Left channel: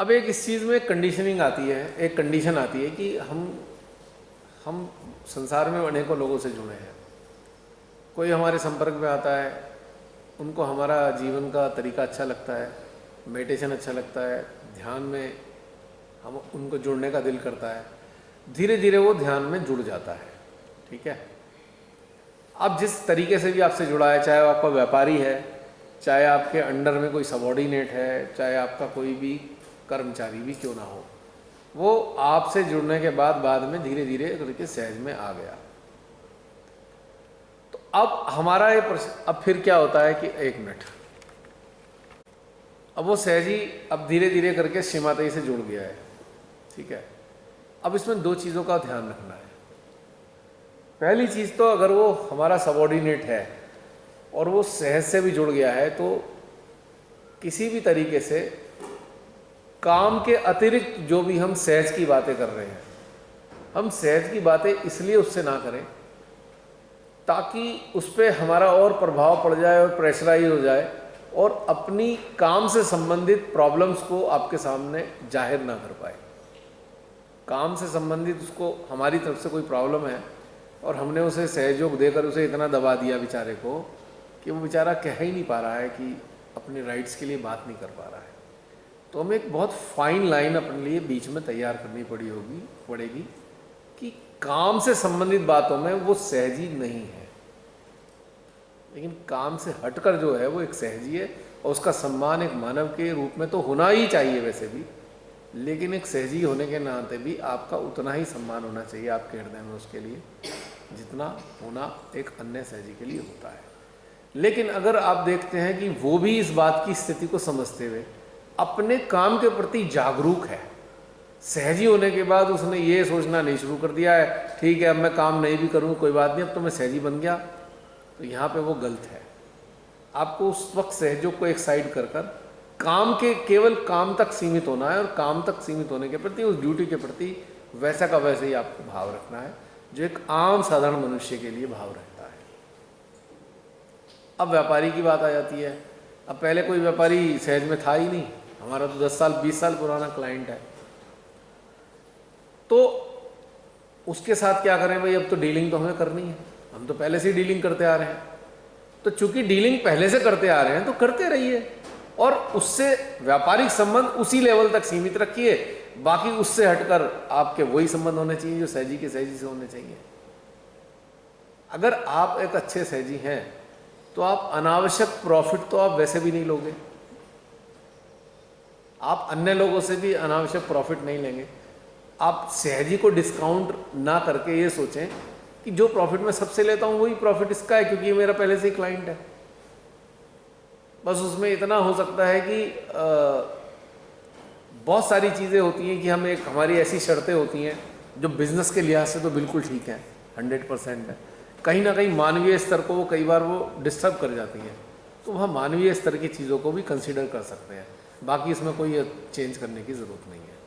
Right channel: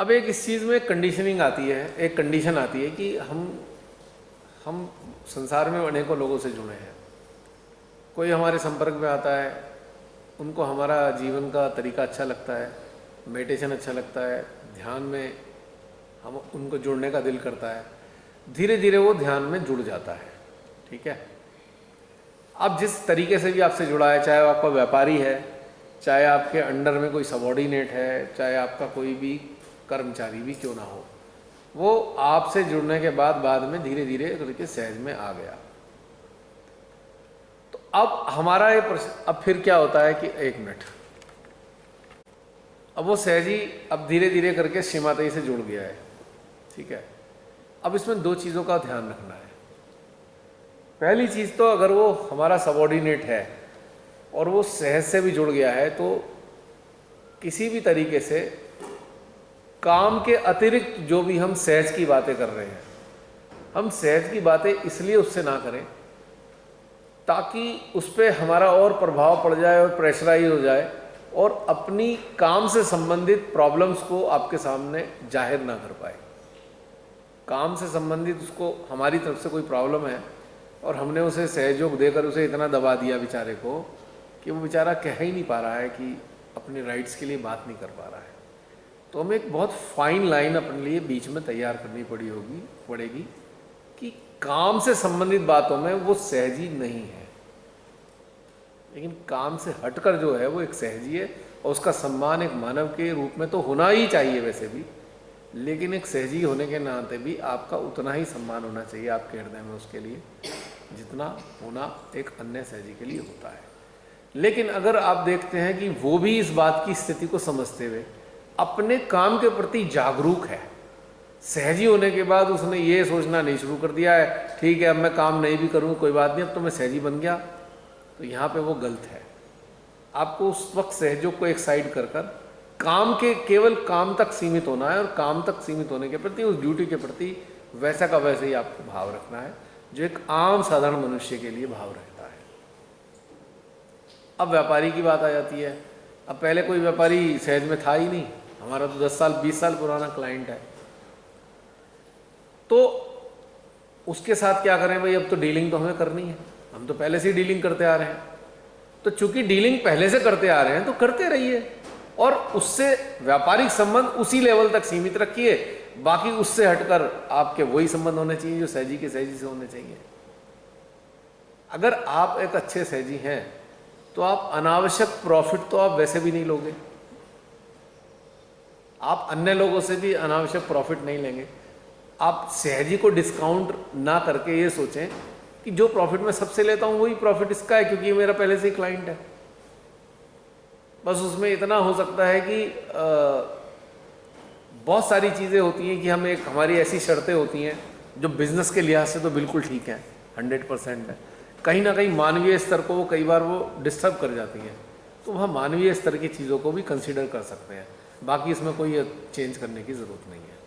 अब एक इस चीज़ में कंडीशनिंग आती है, एक कंडीशन आती है कि हम संसार में अनेकों लोगों से जुड़े हैं। कोई हमारे संपर्क में आता है, उनको हमारा जीवन का तरीका अच्छा लगता है, मेडिटेशन अच्छा लगता है, ध्यान में हम उनको जुड़ने का दिल करता है, धीरे धीरे वो ध्यान में जुड़ जाता है। ठीक है। अब जिस तरीके से भी आपसे जुड़ा है, चाहे वो आपका व्यापारी है, चाहे आपके अंडर में कोई सबॉर्डिनेट है, चाहे आपका कोई भी कर्मचारी भी क्यों ना हो, वो आपसे जुड़ने के बाद में धीरे धीरे करके सहज में आ गया। तो अब हमारा ये प्रश्न, अब फिर क्या होता है कि एक मिनट, अब वो सहजी अब धीरे धीरे करके श्रीमाता से जुड़ गया है। ठीक है। अब इसमें दो चीज़ों का ध्यान रखना है। पहली चीज़ तो अगर वो हमारा सबॉर्डिनेट है और वो सहज से भी जुड़ गया है, तो किसी भी तरीके से काम के अतिरिक्त जो भी हम सहज की बातें कर रहे हैं, हम सहज की बातें इसलिए उससे ना करें ताकि उस पर हमारा और प्रभाव पड़ जाए और प्रेशराइज हो जाए और अपनी काम से संबंधित प्रॉब्लम्स को आपके सामने जाहिर ना कर पाए। काम से संबंधित उसको हमारी तरफ से कोई प्रॉब्लम है और हमने उसे सहयोग देकर उसे इतना दबा दिया बेचारे को कि वो बेचारा कह ही नहीं पा रहा है, कि अपने राइट्स के लिए बात नहीं कर पा रहा है। तो हमें एक बहुत फाइन लाइन अपने लिए बीच में तैयार करनी पड़ेगी कि काम से संबंधित बातों में वो सहजी नहीं है, लेकिन काम से हटकर जो है वो एक सहजी है और उसका सम्मान एक मानव के रूप में तो होना ही चाहिए वैसे भी, लेकिन एक सहजी होने के नाते भी आपका उतना ही सम्मान होना चाहिए आपके हृदय में उसके लिए जितना होना एक अन्य सहजी के लिए होता है। लेकिन अगर आप देखते हैं कि वो भी इस बात की स्थिति को समझते हुए अपने काम के प्रति जागरूक है, सहजी होने के बाद उसने ये सोचना नहीं शुरू कर दिया है ठीक है अब मैं काम नहीं भी करूँ कोई बात नहीं, अब तो मैं सहजी बन गया, तो यहाँ पे वो गलत है। आपको उस वक्त सहयोग को एक साइड कर काम के केवल काम तक सीमित होना है और काम तक सीमित होने के प्रति उस ड्यूटी के प्रति वैसा का वैसे ही आपको भाव रखना है जो एक आम साधारण मनुष्य के लिए भाव रखता है। अब व्यापारी की बात आ जाती है। अब पहले कोई व्यापारी सहज में था ही नहीं, हमारा तो 10 साल 20 साल पुराना क्लाइंट है, तो उसके साथ क्या करें भाई, अब तो डीलिंग तो हमें करनी है, हम तो पहले से ही डीलिंग करते आ रहे हैं, तो चूंकि डीलिंग पहले से करते आ रहे हैं तो करते रहिए और उससे व्यापारिक संबंध उसी लेवल तक सीमित रखिए, बाकी उससे हटकर आपके वही संबंध होने चाहिए जो सहजी के सहजी से होने चाहिए। अगर आप एक अच्छे सहजी हैं तो आप अनावश्यक प्रॉफिट तो आप वैसे भी नहीं लोगे, आप अन्य लोगों से भी अनावश्यक प्रॉफिट नहीं लेंगे। आप सहजी को डिस्काउंट ना करके ये सोचें कि जो प्रॉफिट मैं सबसे लेता हूँ वही प्रॉफिट इसका है क्योंकि ये मेरा पहले से ही क्लाइंट है। बस उसमें इतना हो सकता है कि बहुत सारी चीज़ें होती हैं कि हम एक हमारी ऐसी शर्तें होती हैं जो बिज़नेस के लिहाज से तो बिल्कुल ठीक है, 100% है, कहीं ना कहीं मानवीय स्तर को वो कई बार वो डिस्टर्ब कर जाती हैं, तो वह मानवीय स्तर की चीज़ों को भी कंसीडर कर सकते हैं, बाकी इसमें कोई चेंज करने की ज़रूरत नहीं है।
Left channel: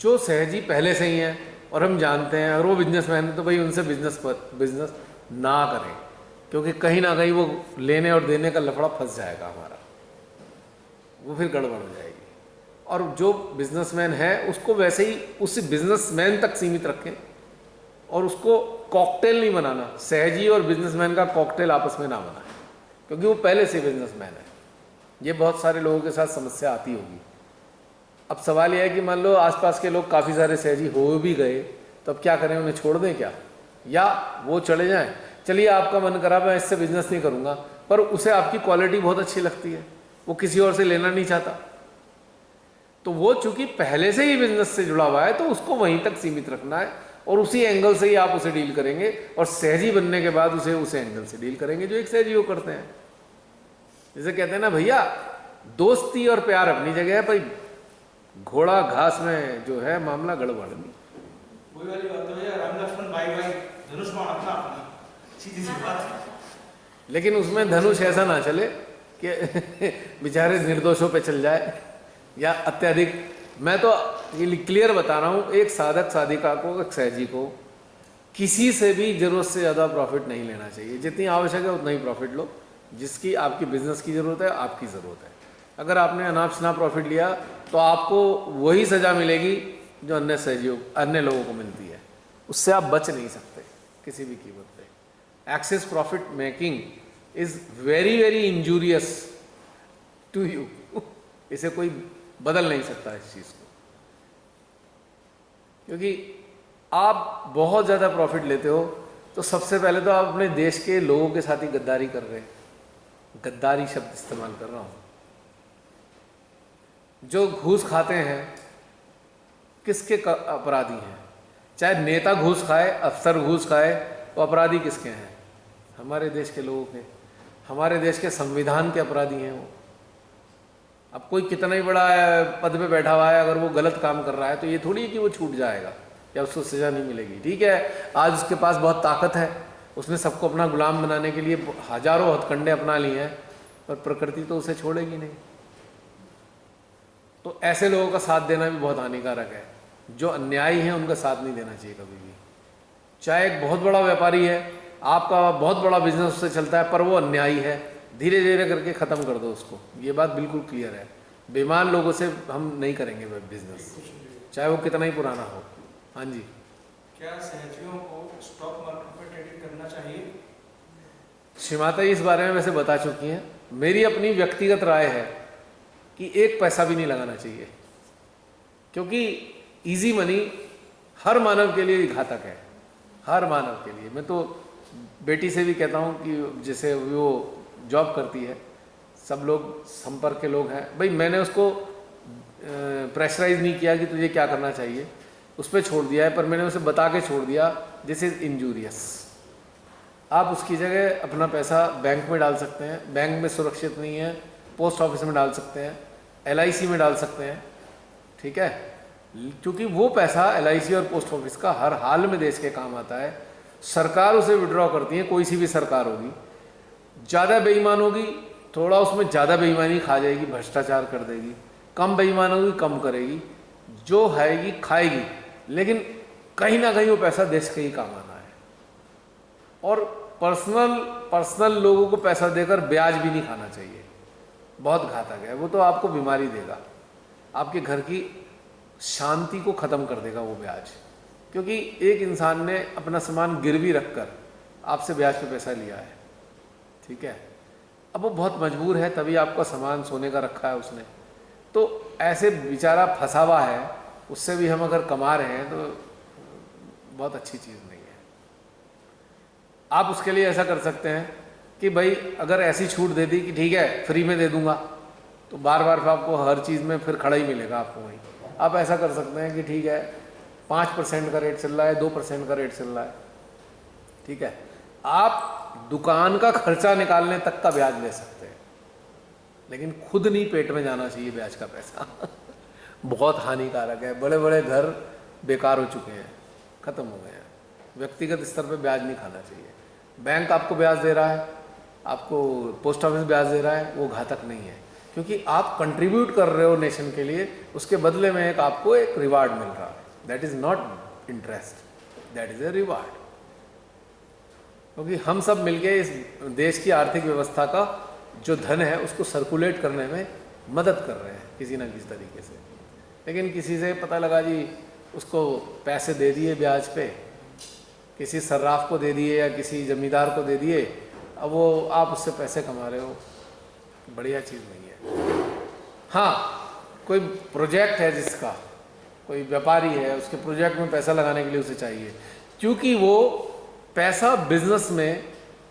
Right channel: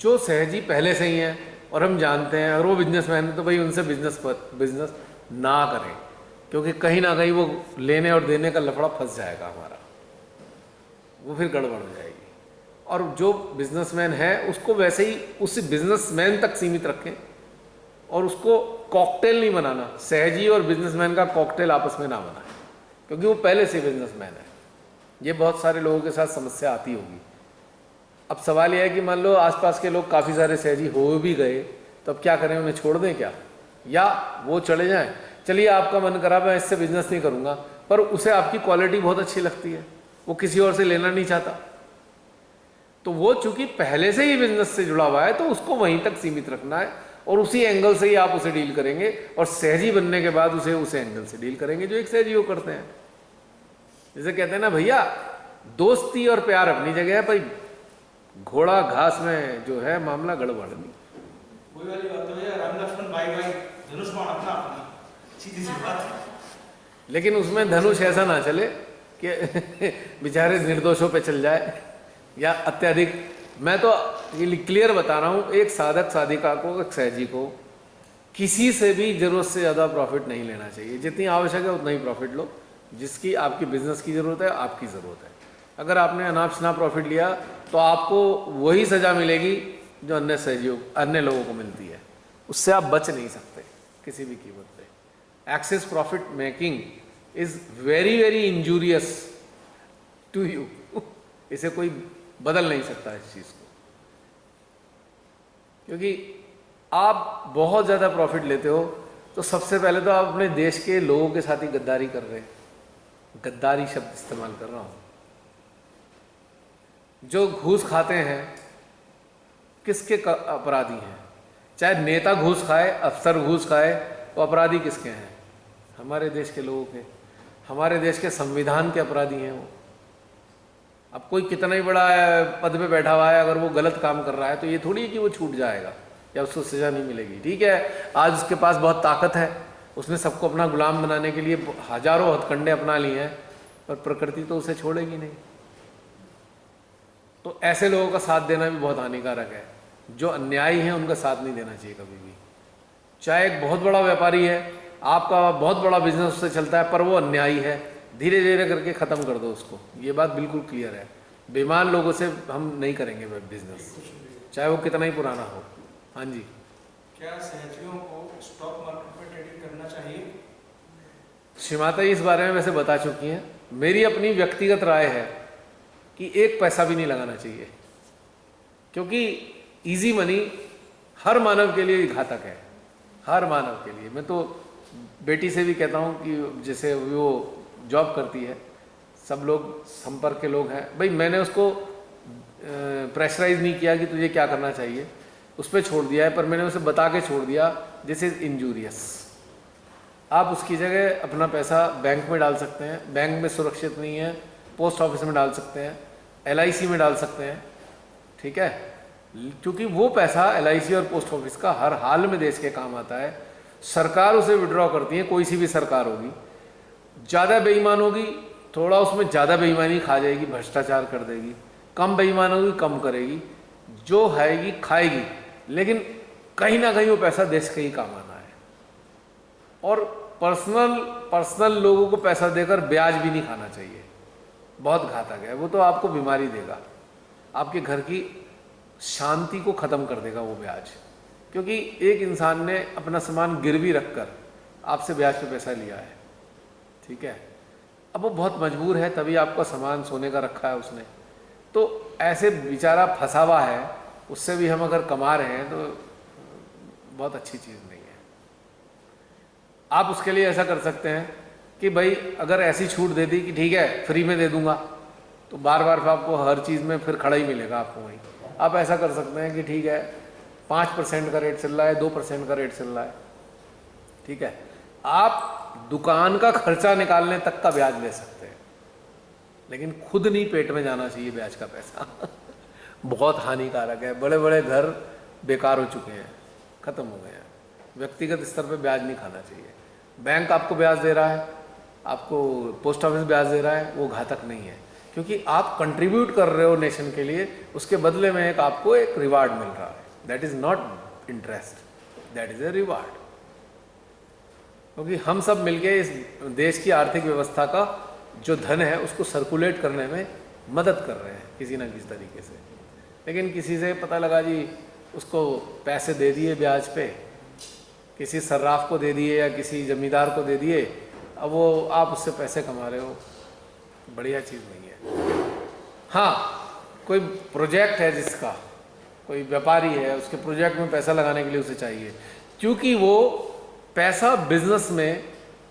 जो सहजी पहले से ही हैं और हम जानते हैं अगर वो बिजनेसमैन है तो भाई उनसे बिजनेस ना करें, क्योंकि कहीं ना कहीं वो लेने और देने का लफड़ा फंस जाएगा हमारा, वो फिर गड़बड़ हो जाएगी। और जो बिजनेसमैन है उसको वैसे ही उस बिजनेसमैन तक सीमित रखें और उसको कॉकटेल नहीं बनाना, सहजी और बिजनेसमैन का कॉकटेल आपस में ना बनाएं, क्योंकि वो पहले से बिजनेसमैन है। ये बहुत सारे लोगों के साथ समस्या आती होगी। अब सवाल यह है कि मान लो आसपास के लोग काफ़ी सारे सहजी हो भी गए तो अब क्या करें, उन्हें छोड़ दें क्या, या वो चले जाएं? चलिए आपका मन करा मैं इससे बिजनेस नहीं करूँगा, पर उसे आपकी क्वालिटी बहुत अच्छी लगती है, वो किसी और से लेना नहीं चाहता, तो वो चूंकि पहले से ही बिजनेस से जुड़ा हुआ है तो उसको वहीं तक सीमित रखना है और उसी एंगल से ही आप उसे डील करेंगे और सहजी बनने के बाद उसे एंगल से डील करेंगे जो एक सहजी वो करते हैं। जैसे कहते हैं ना भैया, दोस्ती और प्यार अपनी जगह है, भाई घोड़ा घास में जो है मामला गड़बड़ नहीं। वही वाली बात है भैया, राम लक्ष्मण भाई भाई धनुष बाण अपना अपना, सीधी सी बात। लेकिन उसमें धनुष ऐसा ना चले कि बेचारे निर्दोषों पे चल जाए या अत्यधिक। मैं तो ये क्लियर बता रहा हूँ, एक साधक साधिका को, एक सहजी को किसी से भी ज़रूरत से ज़्यादा प्रॉफिट नहीं लेना चाहिए। जितनी आवश्यक है उतना ही प्रॉफिट लो, जिसकी आपकी बिजनेस की ज़रूरत है, आपकी ज़रूरत है। अगर आपने अनाप शनाप प्रॉफिट लिया तो आपको वही सज़ा मिलेगी जो अन्य सहयोग अन्य लोगों को मिलती है, उससे आप बच नहीं सकते किसी भी कीमत पे। Excess profit making is very very injurious to you. इसे कोई बदल नहीं सकता इस चीज़ को, क्योंकि आप बहुत ज़्यादा प्रॉफिट लेते हो तो सबसे पहले तो आप अपने देश के लोगों के साथ ही गद्दारी कर रहे हैं। गद्दारी शब्द इस्तेमाल कर रहा हूँ। जो घूस खाते हैं किसके अपराधी हैं? चाहे नेता घूस खाए, अफसर घूस खाए, तो अपराधी किसके हैं? हमारे देश के लोगों के, हमारे देश के संविधान के अपराधी हैं वो। अब कोई कितना ही बड़ा पद पे बैठा हुआ है, अगर वो गलत काम कर रहा है तो ये थोड़ी है कि वो छूट जाएगा या उसको सज़ा नहीं मिलेगी। ठीक है, आज उसके पास बहुत ताकत है, उसने सबको अपना गुलाम बनाने के लिए हजारों हथकंडे अपना लिए हैं, पर प्रकृति तो उसे छोड़ेगी नहीं। तो ऐसे लोगों का साथ देना भी बहुत हानिकारक है। जो अन्यायी हैं उनका साथ नहीं देना चाहिए कभी भी। चाहे एक बहुत बड़ा व्यापारी है, आपका बहुत बड़ा बिजनेस उससे चलता है, पर वो अन्यायी है, धीरे धीरे करके ख़त्म कर दो उसको। ये बात बिल्कुल क्लियर है। बेईमान लोगों से हम नहीं करेंगे बिजनेस, चाहे वो कितना ही पुराना हो। हाँ जी, क्या सहयोगियों को स्टॉक मार्केट में ट्रेडिंग करना चाहिए? श्रीमाता जी इस बारे में वैसे बता चुकी हैं। मेरी अपनी व्यक्तिगत राय है कि एक पैसा भी नहीं लगाना चाहिए, क्योंकि इजी मनी हर मानव के लिए घातक है, हर मानव के लिए। मैं तो बेटी से भी कहता हूँ कि जैसे वो जॉब करती है, सब लोग संपर्क के लोग हैं, भाई मैंने उसको प्रेशराइज नहीं किया कि तुझे क्या करना चाहिए, उस पर छोड़ दिया है, पर मैंने उसे बता के छोड़ दिया दिस इज़ इंजूरियस। आप उसकी जगह अपना पैसा बैंक में डाल सकते हैं, बैंक में सुरक्षित नहीं है, पोस्ट ऑफिस में डाल सकते हैं, LIC में डाल सकते हैं। ठीक है, क्योंकि वो पैसा LIC और पोस्ट ऑफिस का हर हाल में देश के काम आता है। सरकार उसे विड्रॉ करती है, कोई सी भी सरकार होगी, ज़्यादा बेईमान होगी थोड़ा उसमें ज़्यादा बेईमानी खा जाएगी, भ्रष्टाचार कर देगी, कम बेईमान होगी कम करेगी, जो खाएगी खाएगी, लेकिन कहीं ना कहीं वो पैसा देश के ही काम आना है। और पर्सनल लोगों को पैसा देकर ब्याज भी नहीं खाना चाहिए, बहुत घातक है वो। तो आपको बीमारी देगा, आपके घर की शांति को ख़त्म कर देगा वो ब्याज, क्योंकि एक इंसान ने अपना सामान गिरवी रखकर आपसे ब्याज पे पैसा लिया है। ठीक है, अब वो बहुत मजबूर है, तभी आपका सामान सोने का रखा है उसने, तो ऐसे बेचारा फंसा हुआ है, उससे भी हम अगर कमा रहे हैं तो बहुत अच्छी चीज़ नहीं है। आप उसके लिए ऐसा कर सकते हैं कि भाई अगर ऐसी छूट दे दी कि ठीक है फ्री में दे दूंगा, तो बार बार आपको हर चीज़ में फिर खड़ा ही मिलेगा आपको वहीं। आप ऐसा कर सकते हैं कि ठीक है 5% का रेट चल रहा है, 2% का रेट चल रहा है, ठीक है, आप दुकान का खर्चा निकालने तक का ब्याज ले सकते हैं, लेकिन खुद नहीं पेट में जाना चाहिए ब्याज का पैसा। बहुत हानिकारक है। बड़े बड़े घर बेकार हो चुके हैं, ख़त्म हो गए हैं। व्यक्तिगत स्तर पे ब्याज नहीं खाना चाहिए। बैंक आपको ब्याज दे रहा है, आपको पोस्ट ऑफिस ब्याज दे रहा है, वो घातक नहीं है, क्योंकि आप कंट्रीब्यूट कर रहे हो नेशन के लिए, उसके बदले में एक आपको एक रिवार्ड मिल रहा है। That is not interest, that is a reward. क्योंकि हम सब मिलके इस देश की आर्थिक व्यवस्था का जो धन है उसको सर्कुलेट करने में मदद कर रहे हैं किसी ना किसी तरीके से। लेकिन किसी से पता लगा जी उसको पैसे दे दिए ब्याज पे, किसी सर्राफ को दे दिए या किसी जमींदार को दे दिए, अब वो आप उससे पैसे कमा रहे हो, बढ़िया चीज़ नहीं है। हाँ, कोई प्रोजेक्ट है जिसका, कोई व्यापारी है, उसके प्रोजेक्ट में पैसा लगाने के लिए उसे चाहिए, क्योंकि वो पैसा बिजनेस में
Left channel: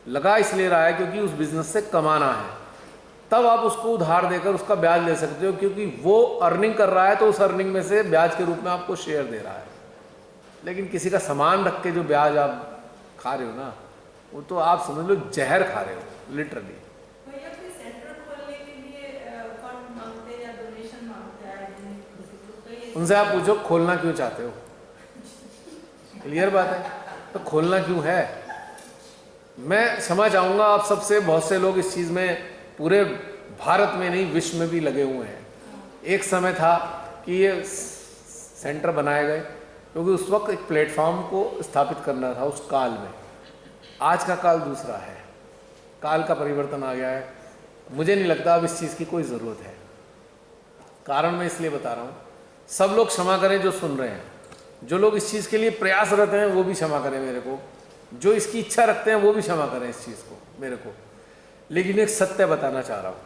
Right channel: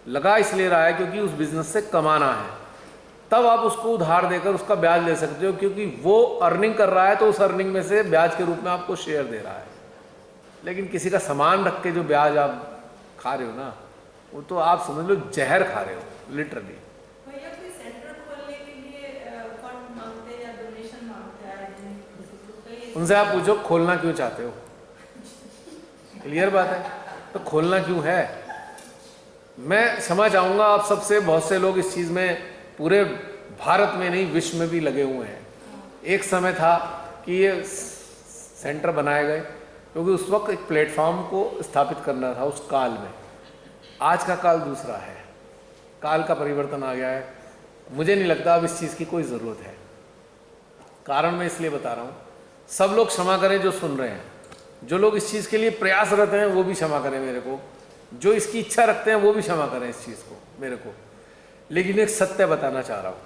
लगा इसलिए रहा है क्योंकि उस बिजनेस से कमाना है, तब आप उसको उधार देकर उसका ब्याज ले सकते हो, क्योंकि वो अर्निंग कर रहा है तो उस अर्निंग में से ब्याज के रूप में आपको शेयर दे रहा है। लेकिन किसी का सामान रख के जो ब्याज आप खा रहे हो ना, वो तो आप समझ लो जहर खा रहे हो लिटरली। उनसे आप पूछो खोलना क्यों चाहते हो, क्लियर बात है, तो खोलना क्यों है। मैं क्षमा चाहूँगा आप सबसे, बहुत से लोग इस चीज़ में पूरे भारत में नहीं विश्व में भी लगे हुए हैं। एक समय था कि ये सेंटर बनाए गए क्योंकि उस वक्त एक प्लेटफॉर्म को स्थापित करना था उस काल में। आज का काल दूसरा है, काल का परिवर्तन आ गया है। मुझे नहीं लगता अब इस चीज़ की कोई ज़रूरत है। कारण मैं इसलिए बता रहा हूँ, सब लोग क्षमा करें जो सुन रहे हैं, जो लोग इस चीज़ के लिए प्रयासरत हैं वो भी क्षमा करें मेरे को, जो इसकी इच्छा रखते हैं वो भी क्षमा करें इस चीज़ को मेरे को। लेकिन एक सत्य बताना चाह रहा हूँ,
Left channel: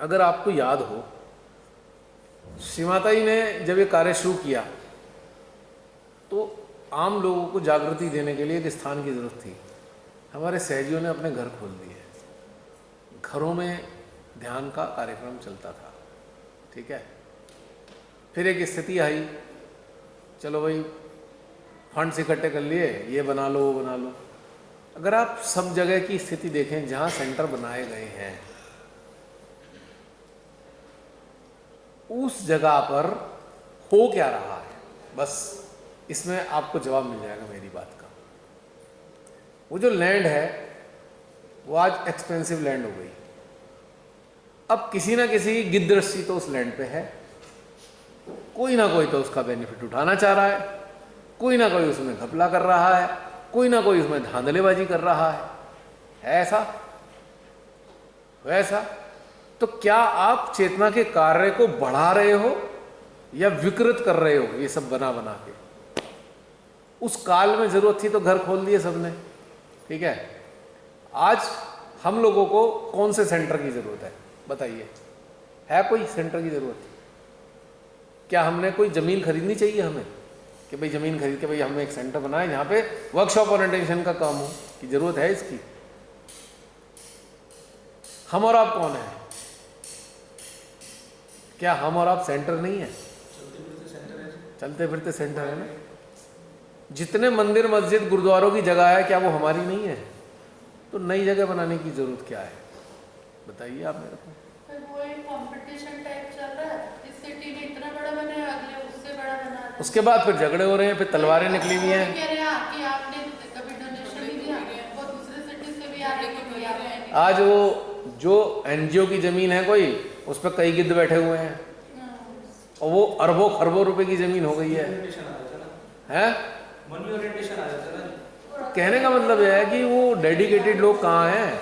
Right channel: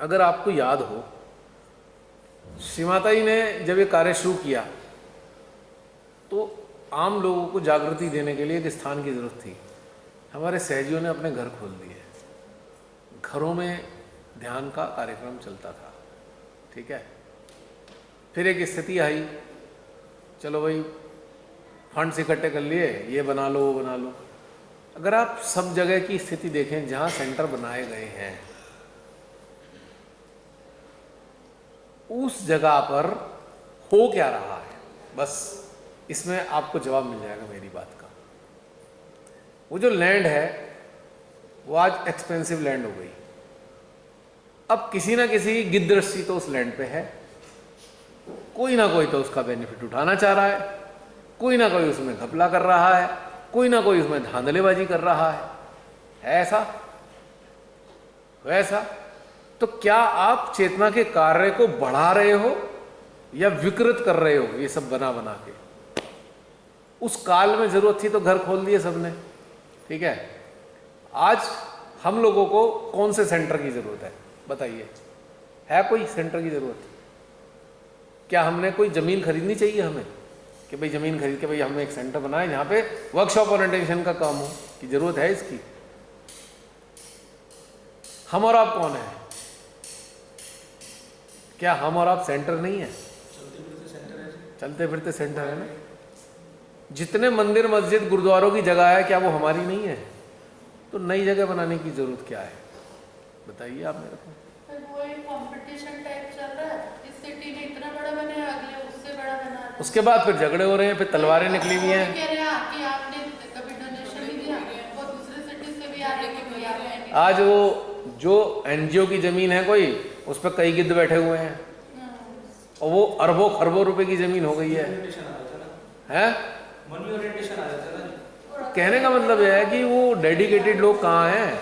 अगर आपको याद हो, श्री माता जी ने जब ये कार्य शुरू किया तो आम लोगों को जागृति देने के लिए एक स्थान की जरूरत थी। हमारे सहजियों ने अपने घर खोल दिए, घरों में ध्यान का कार्यक्रम चलता था, ठीक है। फिर एक स्थिति आई, चलो भाई फंड्स इकट्ठे कर लिए, ये बना लो वो बना लो। अगर आप सब जगह की स्थिति देखें जहाँ सेंटर बनाए गए हैं, उस जगह पर हो क्या रहा है, बस इसमें आपको जवाब मिल जाएगा मेरी बात का। वो जो लैंड है वो आज एक्सपेंसिव लैंड हो गई। अब किसी ना किसी गिद्धदृष्टि तो उस लैंड पे है, कोई ना कोई तो उसका बेनिफिट उठाना चाह रहा है, कोई ना कोई उसमें घपला कर रहा है, कोई ना कोई उसमें धांधलेबाजी कर रहा है ऐसा वैसा। तो क्या आप चेतना के कार्य को बढ़ा रहे हो या विकृत कर रहे हो ये सब बना बना के? उस काल में जरूरत थी तो घर खोल दिए सबने, ठीक है। आज हम लोगों को कौन से सेंटर की जरूरत है बताइए? है कोई सेंटर की जरूरत? क्या हमने कोई जमीन खरीदनी चाहिए हमें कि भाई जमीन खरीद के भाई हमें एक सेंटर बनाए जहाँ पे वर्कशॉप ओरिएंटेशन का काम हो, की जरूरत है इसकी? हम और आप कौन है? क्या हम और आप सेंटर नहीं है? चलते फिरते सेंटर है ना। जितने मंदिर मस्जिद गुरुद्वारों की जगह है, क्या वो हमारी नहीं है? तो नई जगह बनाने की जरूरत क्या है बताइए आप मेरे को। वो एक कंपटीशन टाइप चल रहा है, इस सिटी ने इतना बड़ा बनाया, अगले उससे बड़ा बना रहा है। उसके बाद फिर झगड़े हो रहे हैं, फिर तलवारें निकली हुई हैं। कह रहे हैं कि आपने कभी डोनेशन नहीं दिया, वो दूसरे सिटी से भी आ रहे हैं कि आपने। आज वो जो एनजीओ की जमीन है कोई, उस पर कई गिद्ध बैठे हुए हैं और वो अरबों खरबों रुपए की जमीन हो गई है। मनी ओरिएंटेशन आ जाता है ना। कहने का मतलब यह है कि वो डेडिकेटेड लोग कहाँ हैं?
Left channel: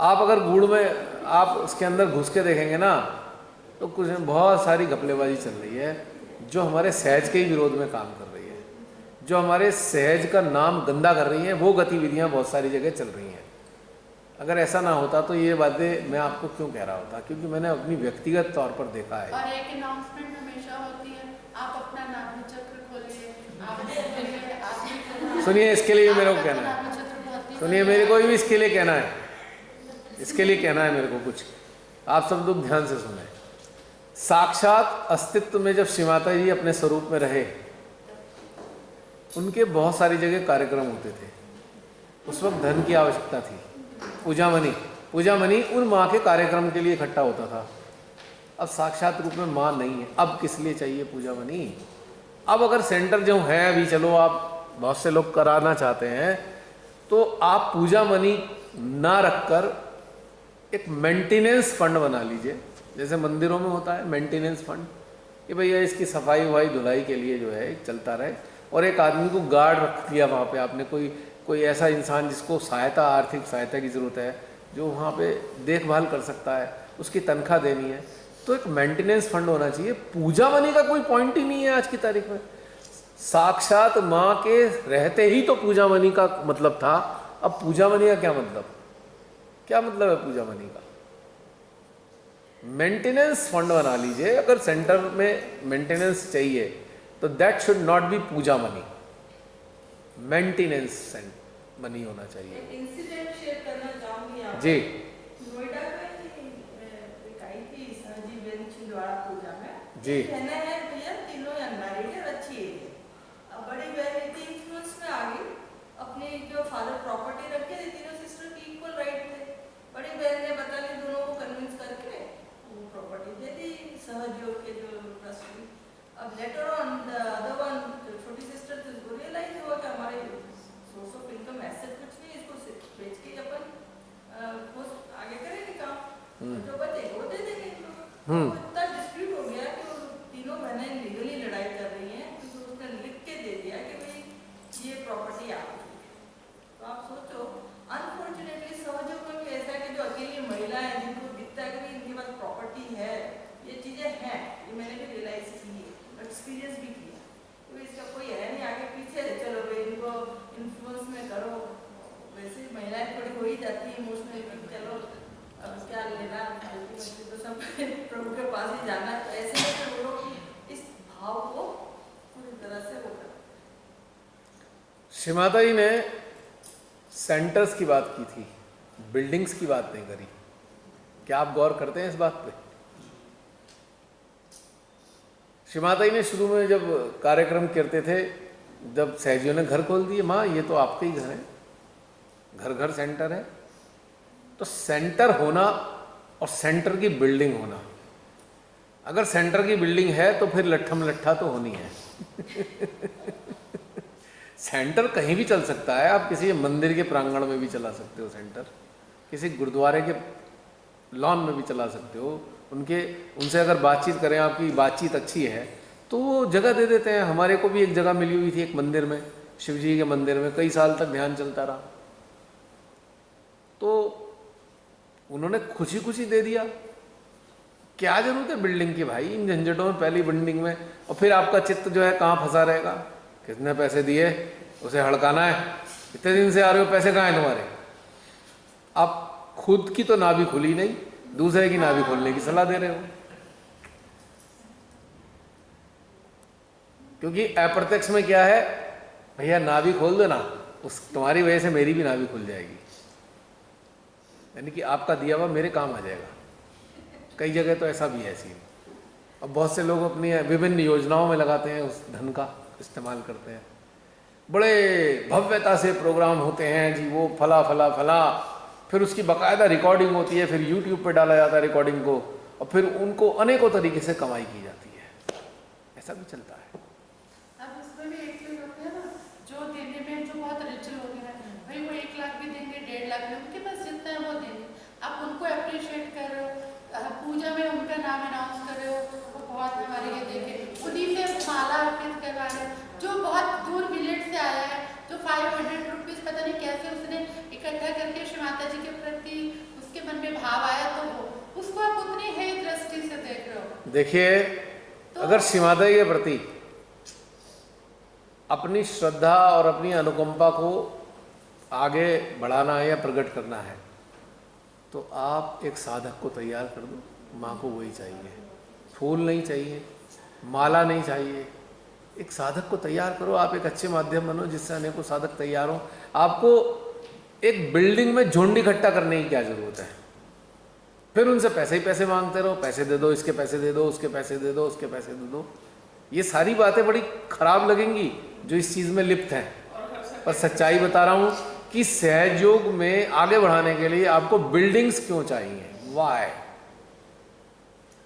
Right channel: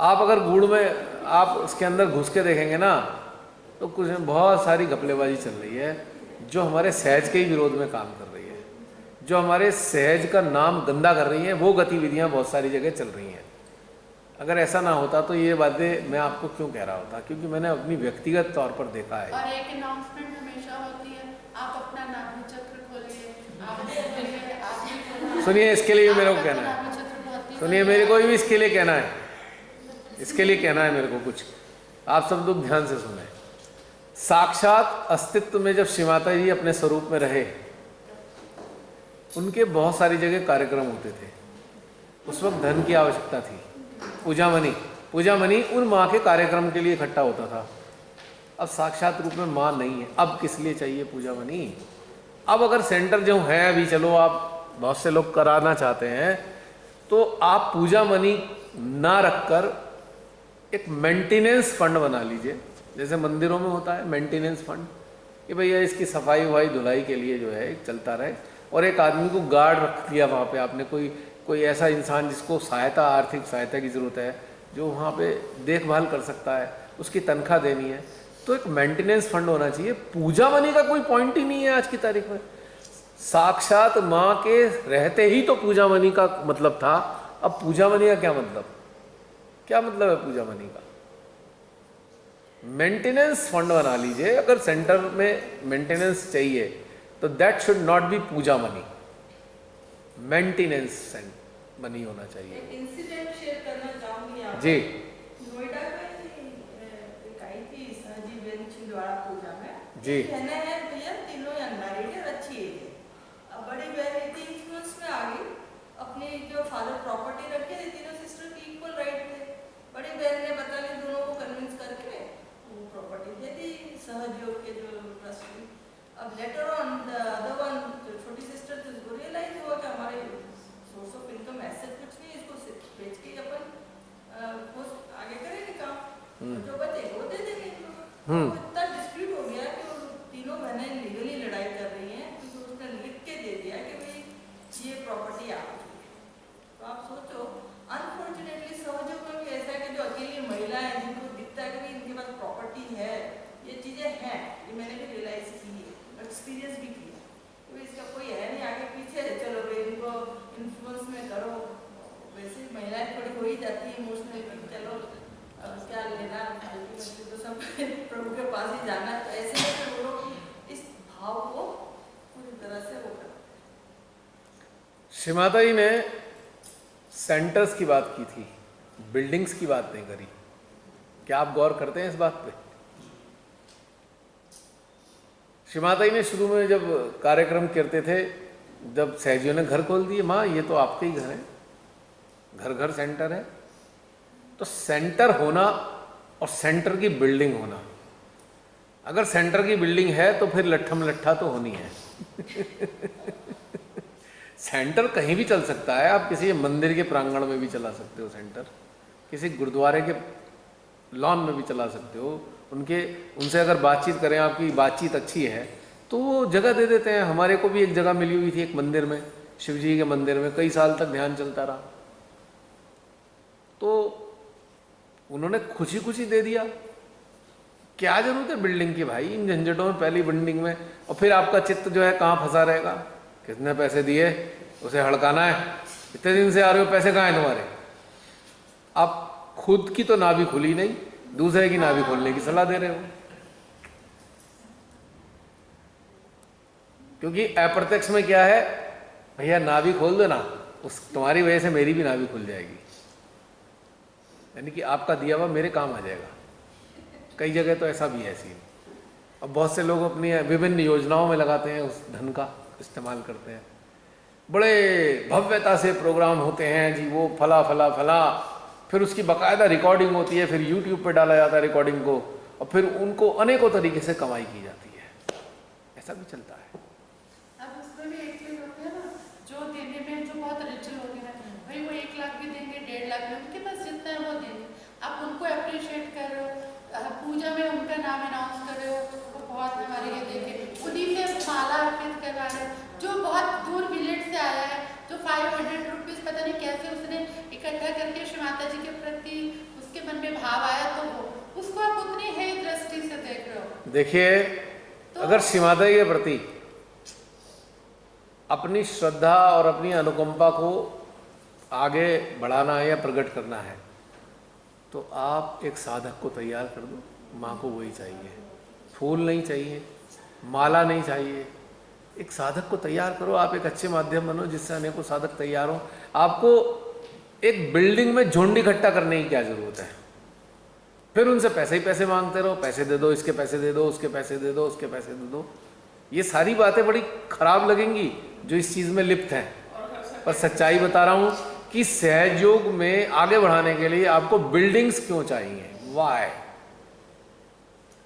आप अगर गुड़ में आप उसके अंदर घुस के देखेंगे ना तो कुछ बहुत सारी घपलेबाजी चल रही है जो हमारे सहज के ही विरोध में काम कर रही है, जो हमारे सहज का नाम गंदा कर रही है। वो गतिविधियां बहुत सारी जगह चल रही हैं। अगर ऐसा ना होता तो ये बातें मैं आपको क्यों कह रहा होता, क्योंकि मैंने अपनी व्यक्तिगत तौर पर देखा है। और एक अनाउंसमेंट हमेशा होती है, आप अपना नाम चक्र खोलिए, सुनिए इसके लिए मेरे को कहना है, सुनिए मेरे को भी इसके लिए कहना है, इसके लिए कहना है मेरे को कुछ। आप सब लोग ध्यान से सुने। साक्षात अस्तित्व में जब श्री माता जी अपने स्वरूप में रहे, उनके बहुत सारी जगह कार्यक्रम होते थे। उस वक्त धन की आवश्यकता थी। पूजा मनी उन माँ के कार्यक्रम के लिए इकट्ठा होता था। अब साक्षात रूप में माँ नहीं है, अब किस लिए चाहिए पूजा मनी? अब अगर सेंटर जो है अभी, चलो आप बहुत से लोग कराना चाहते हैं, तो आप पूजा मनी ना रखकर एक मेंटेनेंस फंड बना लीजिए, जैसे मंदिरों में होता है मेंटेनेंस फंड, कि भैया इसकी सफाई वफाई धुलाई के लिए जो है चलता रहे। और एक आदमी को गार्ड रख दिया वहाँ पे आपने, कोई ऐसा इंसान जिसको सहायता, आर्थिक सहायता की ज़रूरत है, जो वहाँ पे देखभाल कर सकता है, उसकी तनख्वाह देनी है, तो एक मेंटेनेंस फंड होना चाहिए। पूजा मनी का कोई पॉइंट ही नहीं है आज की तारीख में। साक्षात माँ के रहते ही तो पूजा मनी का मतलब था। अब पूजा मनी का क्या मतलब है पूजा मनी का? मेंटेनेंस फंड बना लीजिए। अगर सेंटर में मेंटेनेंस चाहिए तो that should not be puja money, maintenance money होना चाहिए। इंसिडेंट शेयर करना चाहूंगी आप जी। नोएडा में एक आई थी जी बेन छिंदवाड़ा पूजा में जी। कहना है भैया तीनों अनमैरिड है, अच्छी एज है। अब बड़ी बहन थी इन्फ्लुएंस में आ गई, अपने जो फादर प्रॉपर्टी रखे थे, तीनों सिस्टर की इक्वल राइट थे। बड़ी बहन ने बता ली, दोनों को कन्विंस करके वो प्रॉपर्टी दे दी सहयोग के जो ट्रस्टी। अब later on the other one, जो छोटी सिस्टर थी, उसको रियलाइज हुआ कि हमारे सोर्स ऑफ इनकम ऐसे कुछ नहीं, इसको बेच के अपन आगे करेंगे काम, जो बचे वो दे देंगे। तो इतना डिस्प्यूट हो गया कि वो तीनों बहनें लीगली लड़ाई कर रही हैं, क्योंकि उसने लिख के दे दिया कि भाई ये प्रॉपर्टी आपकी। तो आप सोचो, अनफॉर्चुनेटली सहयोग में भी ऐसा है कि जो अकेली महिला है, जिनको दिखता है कि भाई इनके पास प्रॉपर्टी है, ये चीज़ श्रीमाता जी ने सेंटर्स की बात की थी, बिल्डिंग्स की बात नहीं करी। क्या आप गौर करते हैं इस बात पे? श्रीमाता जी ने शुरू में जब कार्यक्रम करते थे, जब सहजियों ने घर खोल दिए, माँ ये तो आपके ही घर है, घर घर सेंटर है। तो सेंटर होना और सेंटर की बिल्डिंग होना, अगर सेंटर की बिल्डिंग है तो फिर लट्ठम लट्ठा तो होनी है। सेंटर कहीं भी चल सकता है, आप किसी मंदिर के प्रांगण में भी चला सकते हो सेंटर, किसी गुरुद्वारे के लॉन में भी चला सकते हो। उनसे अगर बातचीत करें, आपकी बातचीत अच्छी है तो वो जगह दे देते हैं। हमारे को भी एक जगह मिली हुई थी एक मंदिर में, शिव जी के मंदिर में, कई साल तक ध्यान चलता रहा, तो उन्होंने खुशी खुशी दे दिया। क्या जरूरत है बिल्डिंग की भाई, इन झंझटों में, पहली बिल्डिंग में, और फिर आपका चित्त जो है कहाँ फंसा रहेगा। कितने पैसे दिए, उसे हड़काना है, इतने दिन से आ रहे हो, पैसे कहाँ हैं तुम्हारे? आप खुद की तो नाभि खुली नहीं, दूसरे की नाभि खोलने की सलाह दे रहे हो। क्योंकि अप्रत्यक्ष में क्या है, भैया नाभि खोल दो ना, उस तुम्हारी वजह से मेरी भी नाभि खुल जाएगी, यानी कि आपका दिया हुआ मेरे काम आ जाएगा। कई जगह तो ऐसा भी है सीन। अब बहुत से लोग अपनी विभिन्न योजनाओं में लगाते हैं, उस धन का इस्तेमाल करते हैं। बड़े भव्यता से प्रोग्राम होते हैं जी, वो फला फला फला, फिर उसकी बाकायदा रिकॉर्डिंग होती है, फिर यूट्यूब पे डाला जाता है रिकॉर्डिंग को, और फिर उनको अनेकों तरीके से कमाई की जाती है। ऐसा भी चलता है। अब उसमें भी एक चीज होती है ना, जो देने में जो बहुत रिच लोग हैं भाई, वो 1 लाख भी देंगे, 1.5 लाख भी, उनके पास जितना है वो देंगे। आप उनको अप्रिशिएट कर रहे हो, पूजा में उनका नाम अनाउंस कर रहे हो, वो बहुत हमारे ये देखे, उन्हीं से माला अर्पित करवा रहे हैं। जो बहुत दूर विलेज से आया है, जो 500 रुपीज़ पता नहीं कैसे उसने इकट्ठा करके श्री माता जी के प्रति उसके मन में भाव आया, तो वो उसको आप उतनी है दृष्टि से देख रहे हो। देखिए, अगर श्री माता जी के प्रति अपनी श्रद्धा और अपनी अनुकंपा को आगे बढ़ाना है या प्रकट करना है, तो आप एक साधक को तैयार कर दो। माँ को वही चाहिए, फूल नहीं चाहिए, माला नहीं चाहिए, एक साधक को तैयार करो। आप एक अच्छे माध्यम बनो जिससे अनेकों साधक तैयार हो। आपको एक बिल्डिंग में झुंड इकट्ठा करने की क्या जरूरत है? फिर उनसे पैसे ही पैसे मांगते रहो, पैसे दे दो, इसके पैसे दे दो, उसके पैसे दे दो, उसके पैसे दे दो। ये सारी बातें बड़ी खराब लगेंगी जो इस चीज़ में लिप्त हैं, पर सच्चाई बता रहा हूँ कि सहयोग में आगे बढ़ाने के लिए आपको बिल्डिंग्स क्यों चाहिए, वाई।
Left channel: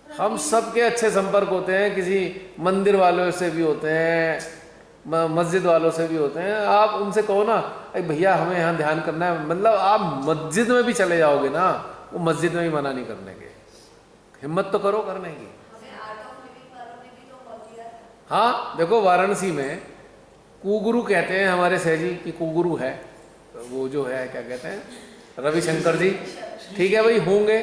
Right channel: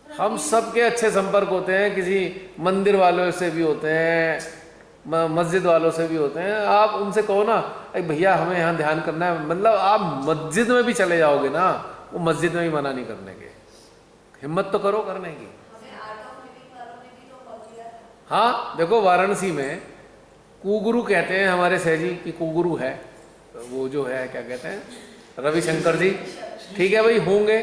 हम सबके अच्छे संपर्क होते हैं, किसी मंदिर वालों से भी होते हैं, मस्जिद वालों से भी होते हैं। आप उनसे कहो ना, अरे भैया हमें यहाँ ध्यान करना है, मतलब आप मस्जिद में भी चले जाओगे ना, वो मस्जिद में भी मना नहीं करने के, हिम्मत तो करो करने की। हाँ देखो, वाराणसी में कुगुरु कहते हैं, हमारे सहजी की कुगुरु है, वो जो है क्या कहते हैं, रविशंकर जी, ठीक है भाई होंगे,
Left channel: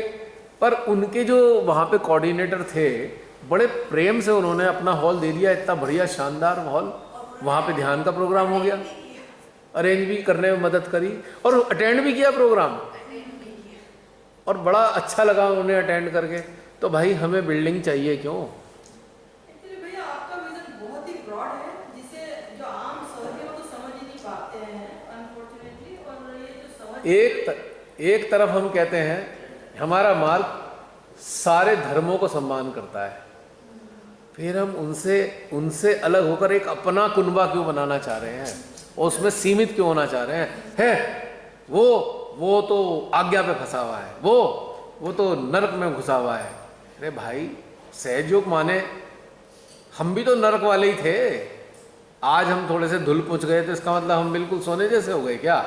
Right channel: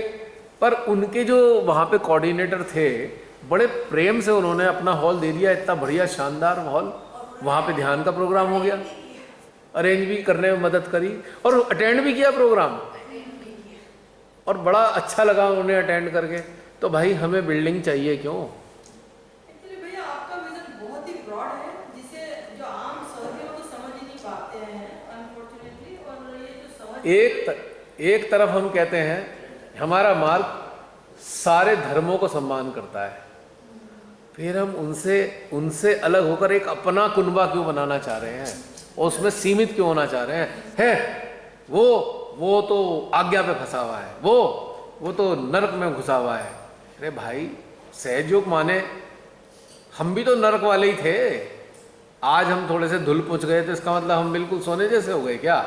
पर उनके जो वहाँ पे कोऑर्डिनेटर थे, बड़े प्रेम से उन्होंने अपना हॉल दे दिया, इतना बढ़िया शानदार हॉल, वहाँ पे ध्यान का प्रोग्राम हो गया, अरेंज भी करने में मदद करी और अटेंड भी किया प्रोग्राम, और बड़ा अच्छा लगा उन्हें अटेंड करके। तो भाई हमें बिल्डिंग चाहिए क्यों? एक्चुअली भैया आपका विजन बहुत ही ब्रॉड है, जिसे जो आम सहयोगी वो तो समझ ही नहीं पाते हैं अनफॉर्चुनेटली। और ये जो समझ एक तरफ हम कहते हैं हमारा मार्ग सारे धर्मों को सम्मान करता है, फिर हम उनसे अलग होकर एक अपना कुनबा क्यों बनाना चाह रहे हैं और उसमें सीमित क्यों होना चाह रहे हैं? है वो तो आज्ञा पे फंसा हुआ है, वो तो नरक में घुसा हुआ है। अरे भाई, सहयोग माने हम भी तो नरक वाले ही थे, आज हम थोड़े से धुल पुछ गए तो इसका मतलब हम बिल्कुल सोने जैसे हो गए क्या?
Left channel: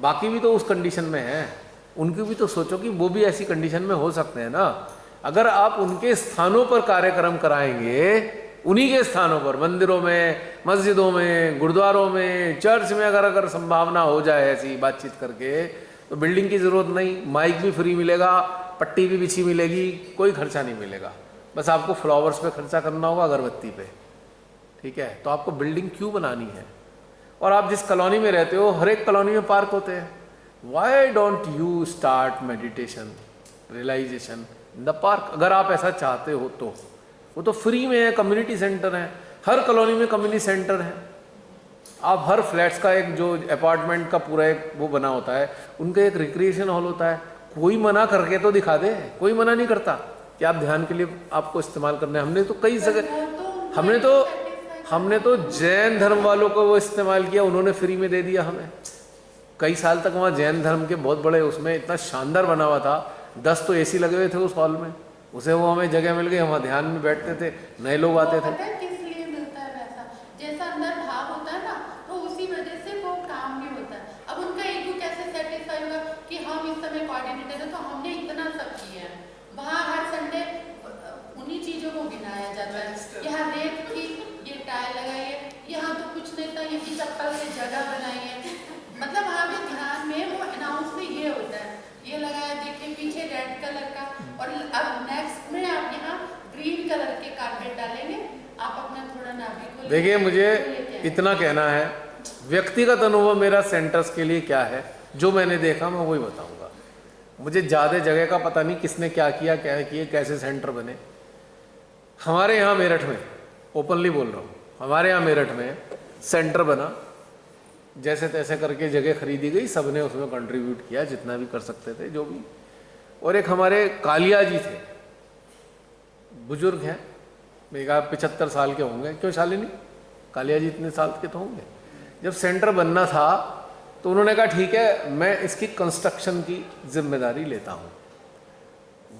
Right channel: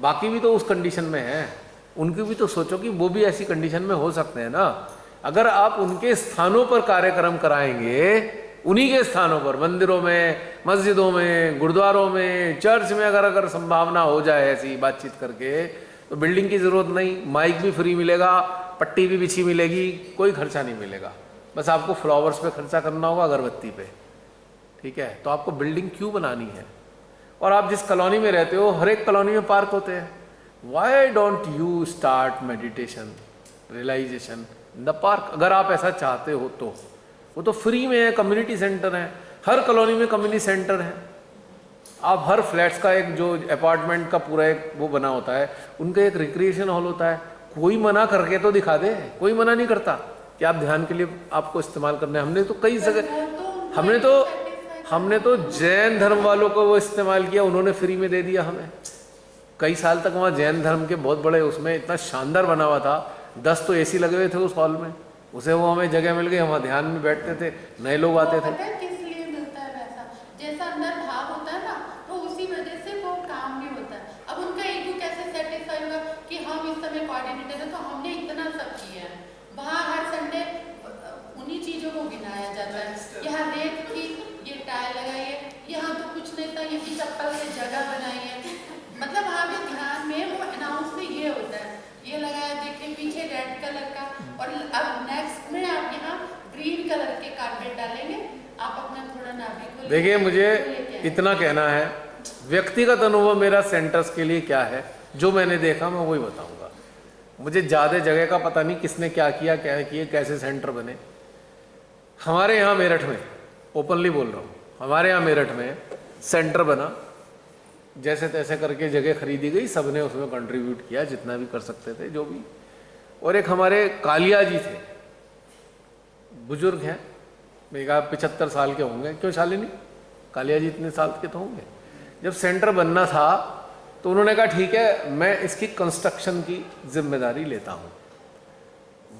बाकी भी तो उस कंडीशन में हैं, उनकी भी तो सोचो कि वो भी ऐसी कंडीशन में हो सकते हैं ना। अगर आप उनके स्थानों पर कार्यक्रम कराएंगे, उन्हीं के स्थानों पर, मंदिरों में, मस्जिदों में, गुरुद्वारों में, चर्च में, अगर संभावना हो जाए ऐसी बातचीत करके, तो बिल्डिंग की ज़रूरत नहीं, माइक भी फ्री मिलेगा, पट्टी भी बिछी मिलेगी, कोई खर्चा नहीं मिलेगा, बस आपको फ्लावर्स पे खर्चा करना होगा, अगरबत्ती पे, ठीक है? तो आपको बिल्डिंग क्यों बनानी है? और आप जिस कॉलोनी में रहते हो, हर एक कॉलोनी में पार्क होते हैं, why don't you start meditation, realisation in the park? अगर आप ऐसा चाहते हो तो वो तो फ्री में है, कम्युनिटी सेंटर है, हर कॉलोनी में कम्युनिटी सेंटर है, आप हर फ्लैट्स का एक जो अपार्टमेंट का पूरा एक वो बना होता है, उनका एक रिक्रिएशन हॉल होता है, कोई मना करके तो दिखा दे, कोई मना नहीं करता कि आप ध्यान के लिए आपको इस्तेमाल करना है। हमने तो कई जगह हमने तो जैन धर्म वालों को वो इस्तेमाल किया, उन्होंने फ्री में दे दिया हमें। कई साल तक वहाँ जैन धर्म के बहुत बड़े उसमें इतना शानदार बना हुआ था, 10 तो एसी लगे हुए थे उस हॉल में, उसे वो हमें जगह मिल गई, हम ध्यान में बैठते थे, नए लोग आते थे। पता है किस लिए मिलता है वैसा, जैसा अंदर भाव होता है ना, तो उसी वजह से वो काम भी होता है। अब उनका ईगो कैसे सेटिस्फाई होगा कि हम इस समय कोऑर्डिनेटर हैं तो हमने इतना सब किया है। वहाँ हर संडे उन्हीं चीजों को गिनाया जाता है, यहाँ रेत थी, ये टाइल लगाई है, यहाँ तो कुछ नहीं था, ये चप्पल से जगह बनाई है। मतलब वहाँ पे ध्यान में वो अनाउंस में ये होता है, ये लगाया देखिए पीछे रेड कलर का, और अब नेक्स्ट में आप यहाँ ग्रीन कलर के कारपेट डालेंगे, आप अपना थोड़ा नाभि को देखिए मुझे इतना कहना है, व्यक्तिगत अनुभव मेरा सेंटर्स के लिए क्या है, जो मैंने देखा मैं वही बताऊंगा। मुझे ज़्यादा जगह का पता नहीं किसने क्या किया, क्या किए, कैसे सेंटर बने। हमारे यहाँ मेरठ में, ओपनली बोल रहा हूँ, हमारे यहाँ मेरठ में सेंटर बना, जैसे तैसे करके जगह खरीदी गई, सबने उसमें कंट्रीब्यूट किया जितना भी कर सकते थे, जो भी। और एक हमारे कालिया जी थे, बुजुर्ग हैं, मेरे कहा 75 साल के होंगे, क्यों शालिनी, कालिया जी इतने साल के तो होंगे। जब सेंटर बनना था तो उन्होंने कहा ठीक है मैं इसकी कंस्ट्रक्शन की जिम्मेदारी लेता हूँ।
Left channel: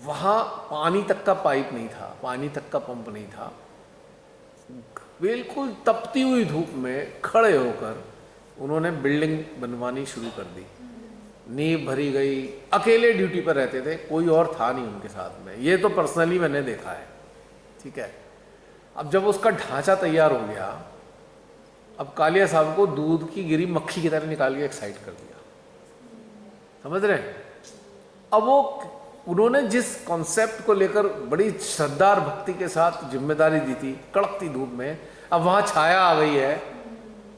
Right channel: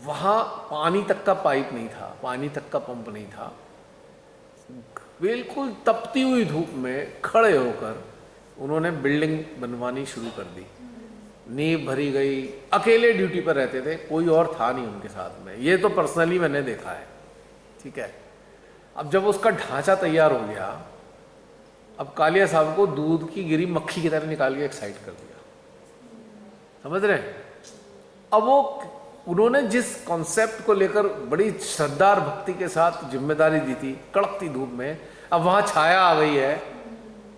वहाँ पानी तक का पाइप नहीं था, पानी तक का पंप नहीं था, बिल्कुल तपती हुई धूप में खड़े होकर उन्होंने बिल्डिंग बनवानी शुरू कर दी। नींव भरी गई, अकेले ड्यूटी पर रहते थे, कोई और था नहीं उनके साथ में, ये तो पर्सनली मैंने देखा है, ठीक है। अब जब उसका ढांचा तैयार हो गया, अब कालिया साहब को दूध की गिरी मक्खी की तरह निकाल के एक साइड कर दिया, समझ रहे हैं। अब वो उन्होंने जिस कॉन्सेप्ट को लेकर बड़ी श्रद्धा और भक्ति के साथ जिम्मेदारी दी थी, कड़कती धूप में, अब वहाँ छाया आ गई है,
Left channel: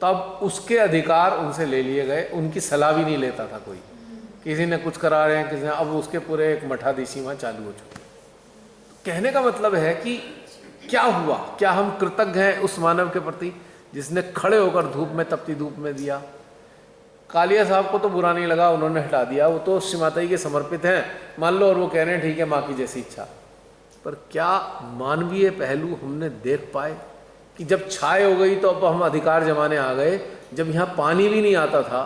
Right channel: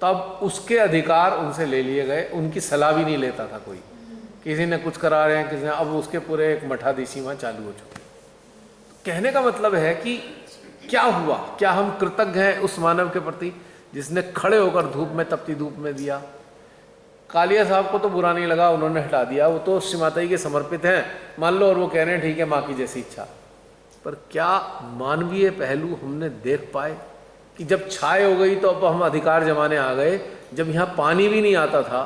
तब उसके अधिकार उनसे ले लिए गए, उनकी सलाह भी नहीं लेता था कोई, किसी ने कुछ करा रहे हैं, किसी ने, अब उसके पूरे एक मठाधीशी वहाँ चालू हो चुके। तो कहने का मतलब है कि क्या हुआ, क्या हम कृतज्ञ हैं उस मानव के प्रति जिसने खड़े होकर धूप में, तपती धूप में दिया। कालिया साहब को तो बुरा नहीं लगा, उन्होंने हटा दिया, वो तो श्री माता जी के समर्पित हैं मान लो, और वो कह रहे हैं ठीक है माँ की जैसी इच्छा। पर क्या मानवीय पहलू हमने देख पाए कि जब छाए हो गई तो अब हम अधिकार जमाने आ गए, जब यहाँ पानी भी नहीं आता था,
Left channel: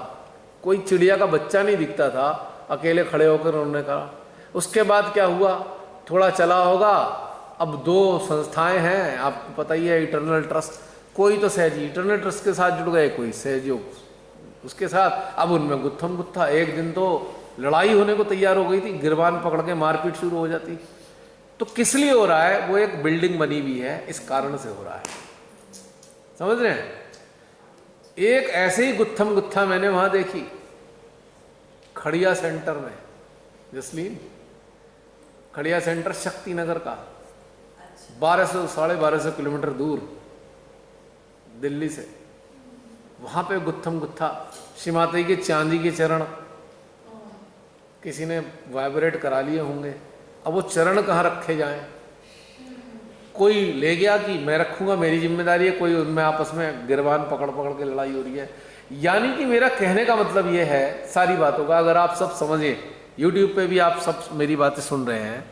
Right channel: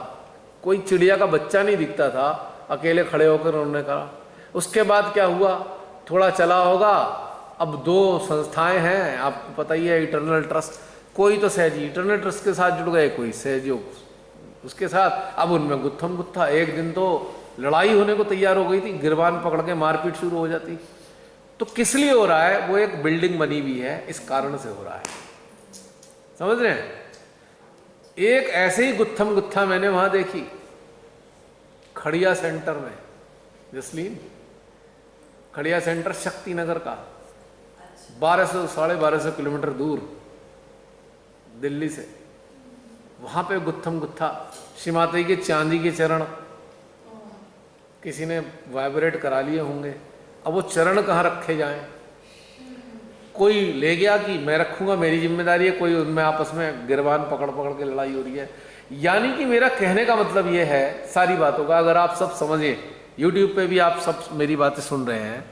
कोई चिड़िया का बच्चा नहीं दिखता था, अकेले खड़े होकर उन्होंने कहा। उसके बाद क्या हुआ, थोड़ा चला होगा, अब 2 संस्थाएं हैं आपको पता ही है, इटर्नल ट्रस्ट, कोई तो सहजी इटर्नल ट्रस्ट के साथ जुड़ गए, कोई सहयोग उसके साथ, अब उनमें गुत्थम गुत्था। एक दिन तो लड़ाई होने को तैयार हो गई थी, गिरबान पकड़ के मारपीट शुरू हो जाती। तो किस लिए हो रहा है, वो एक बिल्डिंग बनी हुई है, इस कारण से हो रहा है, समझ रहे हैं। एक ऐसे ही गुत्थम गुत्था मैंने वहां देखी खड़िया सेंटर में, जसलीन खड़िया सेंटर शक्ति नगर का, 1200 साढ़े 1200 किलोमीटर दूर दिल्ली से, वहां पे गुत्थम गुत्था श्री माता जी के चांदी के चरण किसी ने वाइब्रेट करा लिए होंगे। अब वो चरण कहाँ रखे जाएं, कोई ले गया कि मैं रखूंगा, मेरी जिम्मेदारी है, कोई उनमें आपस में गिरबान पकड़ पकड़ के लड़ाई हो रही है। यानी कि मेरा कहने का मतलब ये है, सारी बातों का अगर आप सब समझें, यूट्यूब पे भी आप सब मेरी बातें सुन रहे हैं,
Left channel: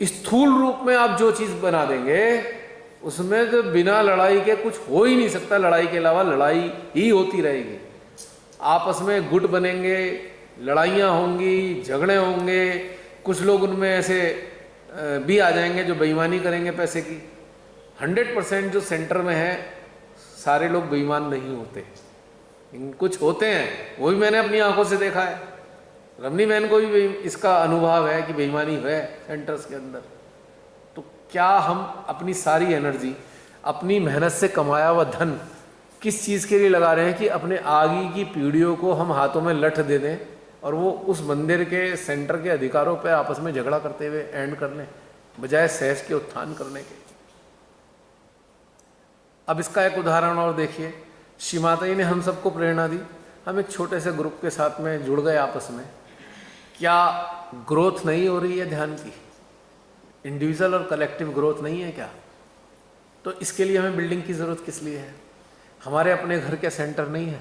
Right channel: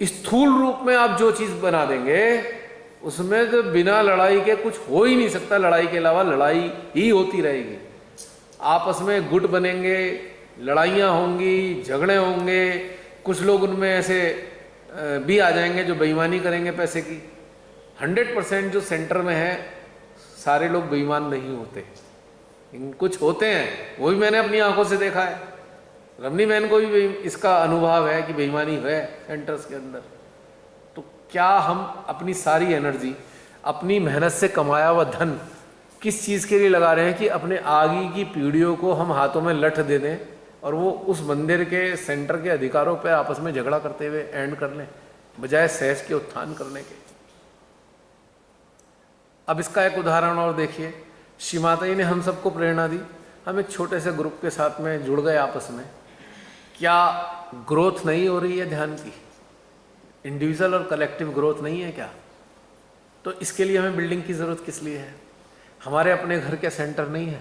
स्थूल रूप में आप जो चीज़ बना देंगे उसमें तो बिना लड़ाई के कुछ हो ही नहीं सकता, लड़ाई के अलावा लड़ाई ही होती रहेगी। आपस में गुट बनेंगे, लड़ाइयाँ होंगी, झगड़े होंगे, कुछ लोग उनमें ऐसे भी आ जाएंगे जो बेईमानी करेंगे पैसे की। 100% जो सेंटर में है सारे लोग बेईमान नहीं होते, कुछ होते हैं, वो भी मैंने अपनी आंखों से देखा है। रमनी बहन को भी इसका अनुभव है कि बेईमानी है सेंटर्स के अंदर। तो क्या हम अपनी सारी एनर्जी, अपनी मेहनत से कमाया हुआ धन किस चीज़ के लिए लगा रहे हैं कि अपने आगे की पीढ़ियों को हम हाथों में लठ दे दें और वो उस मंदिर के सेंटर के अधिकारों पर आपस में झगड़ा करते हुए एंड कर लें, बजाय सहज के उत्थान करने के। अब इसका एक उदाहरण और देखिए, श्री माता जी ने हम सबको प्रेरणा दी, हम एक छोटे से ग्रुप के साथ में जुड़ गए आपस में। क्या ग्रोथ नहीं हो रही है ध्यान की? इंडिविजुअल और कलेक्टिव ग्रोथ नहीं है क्या? तो इसके लिए हमें बिल्डिंग की ज़रूरत किस लिए है? हमारे अपने घर के सेंटर नहीं है।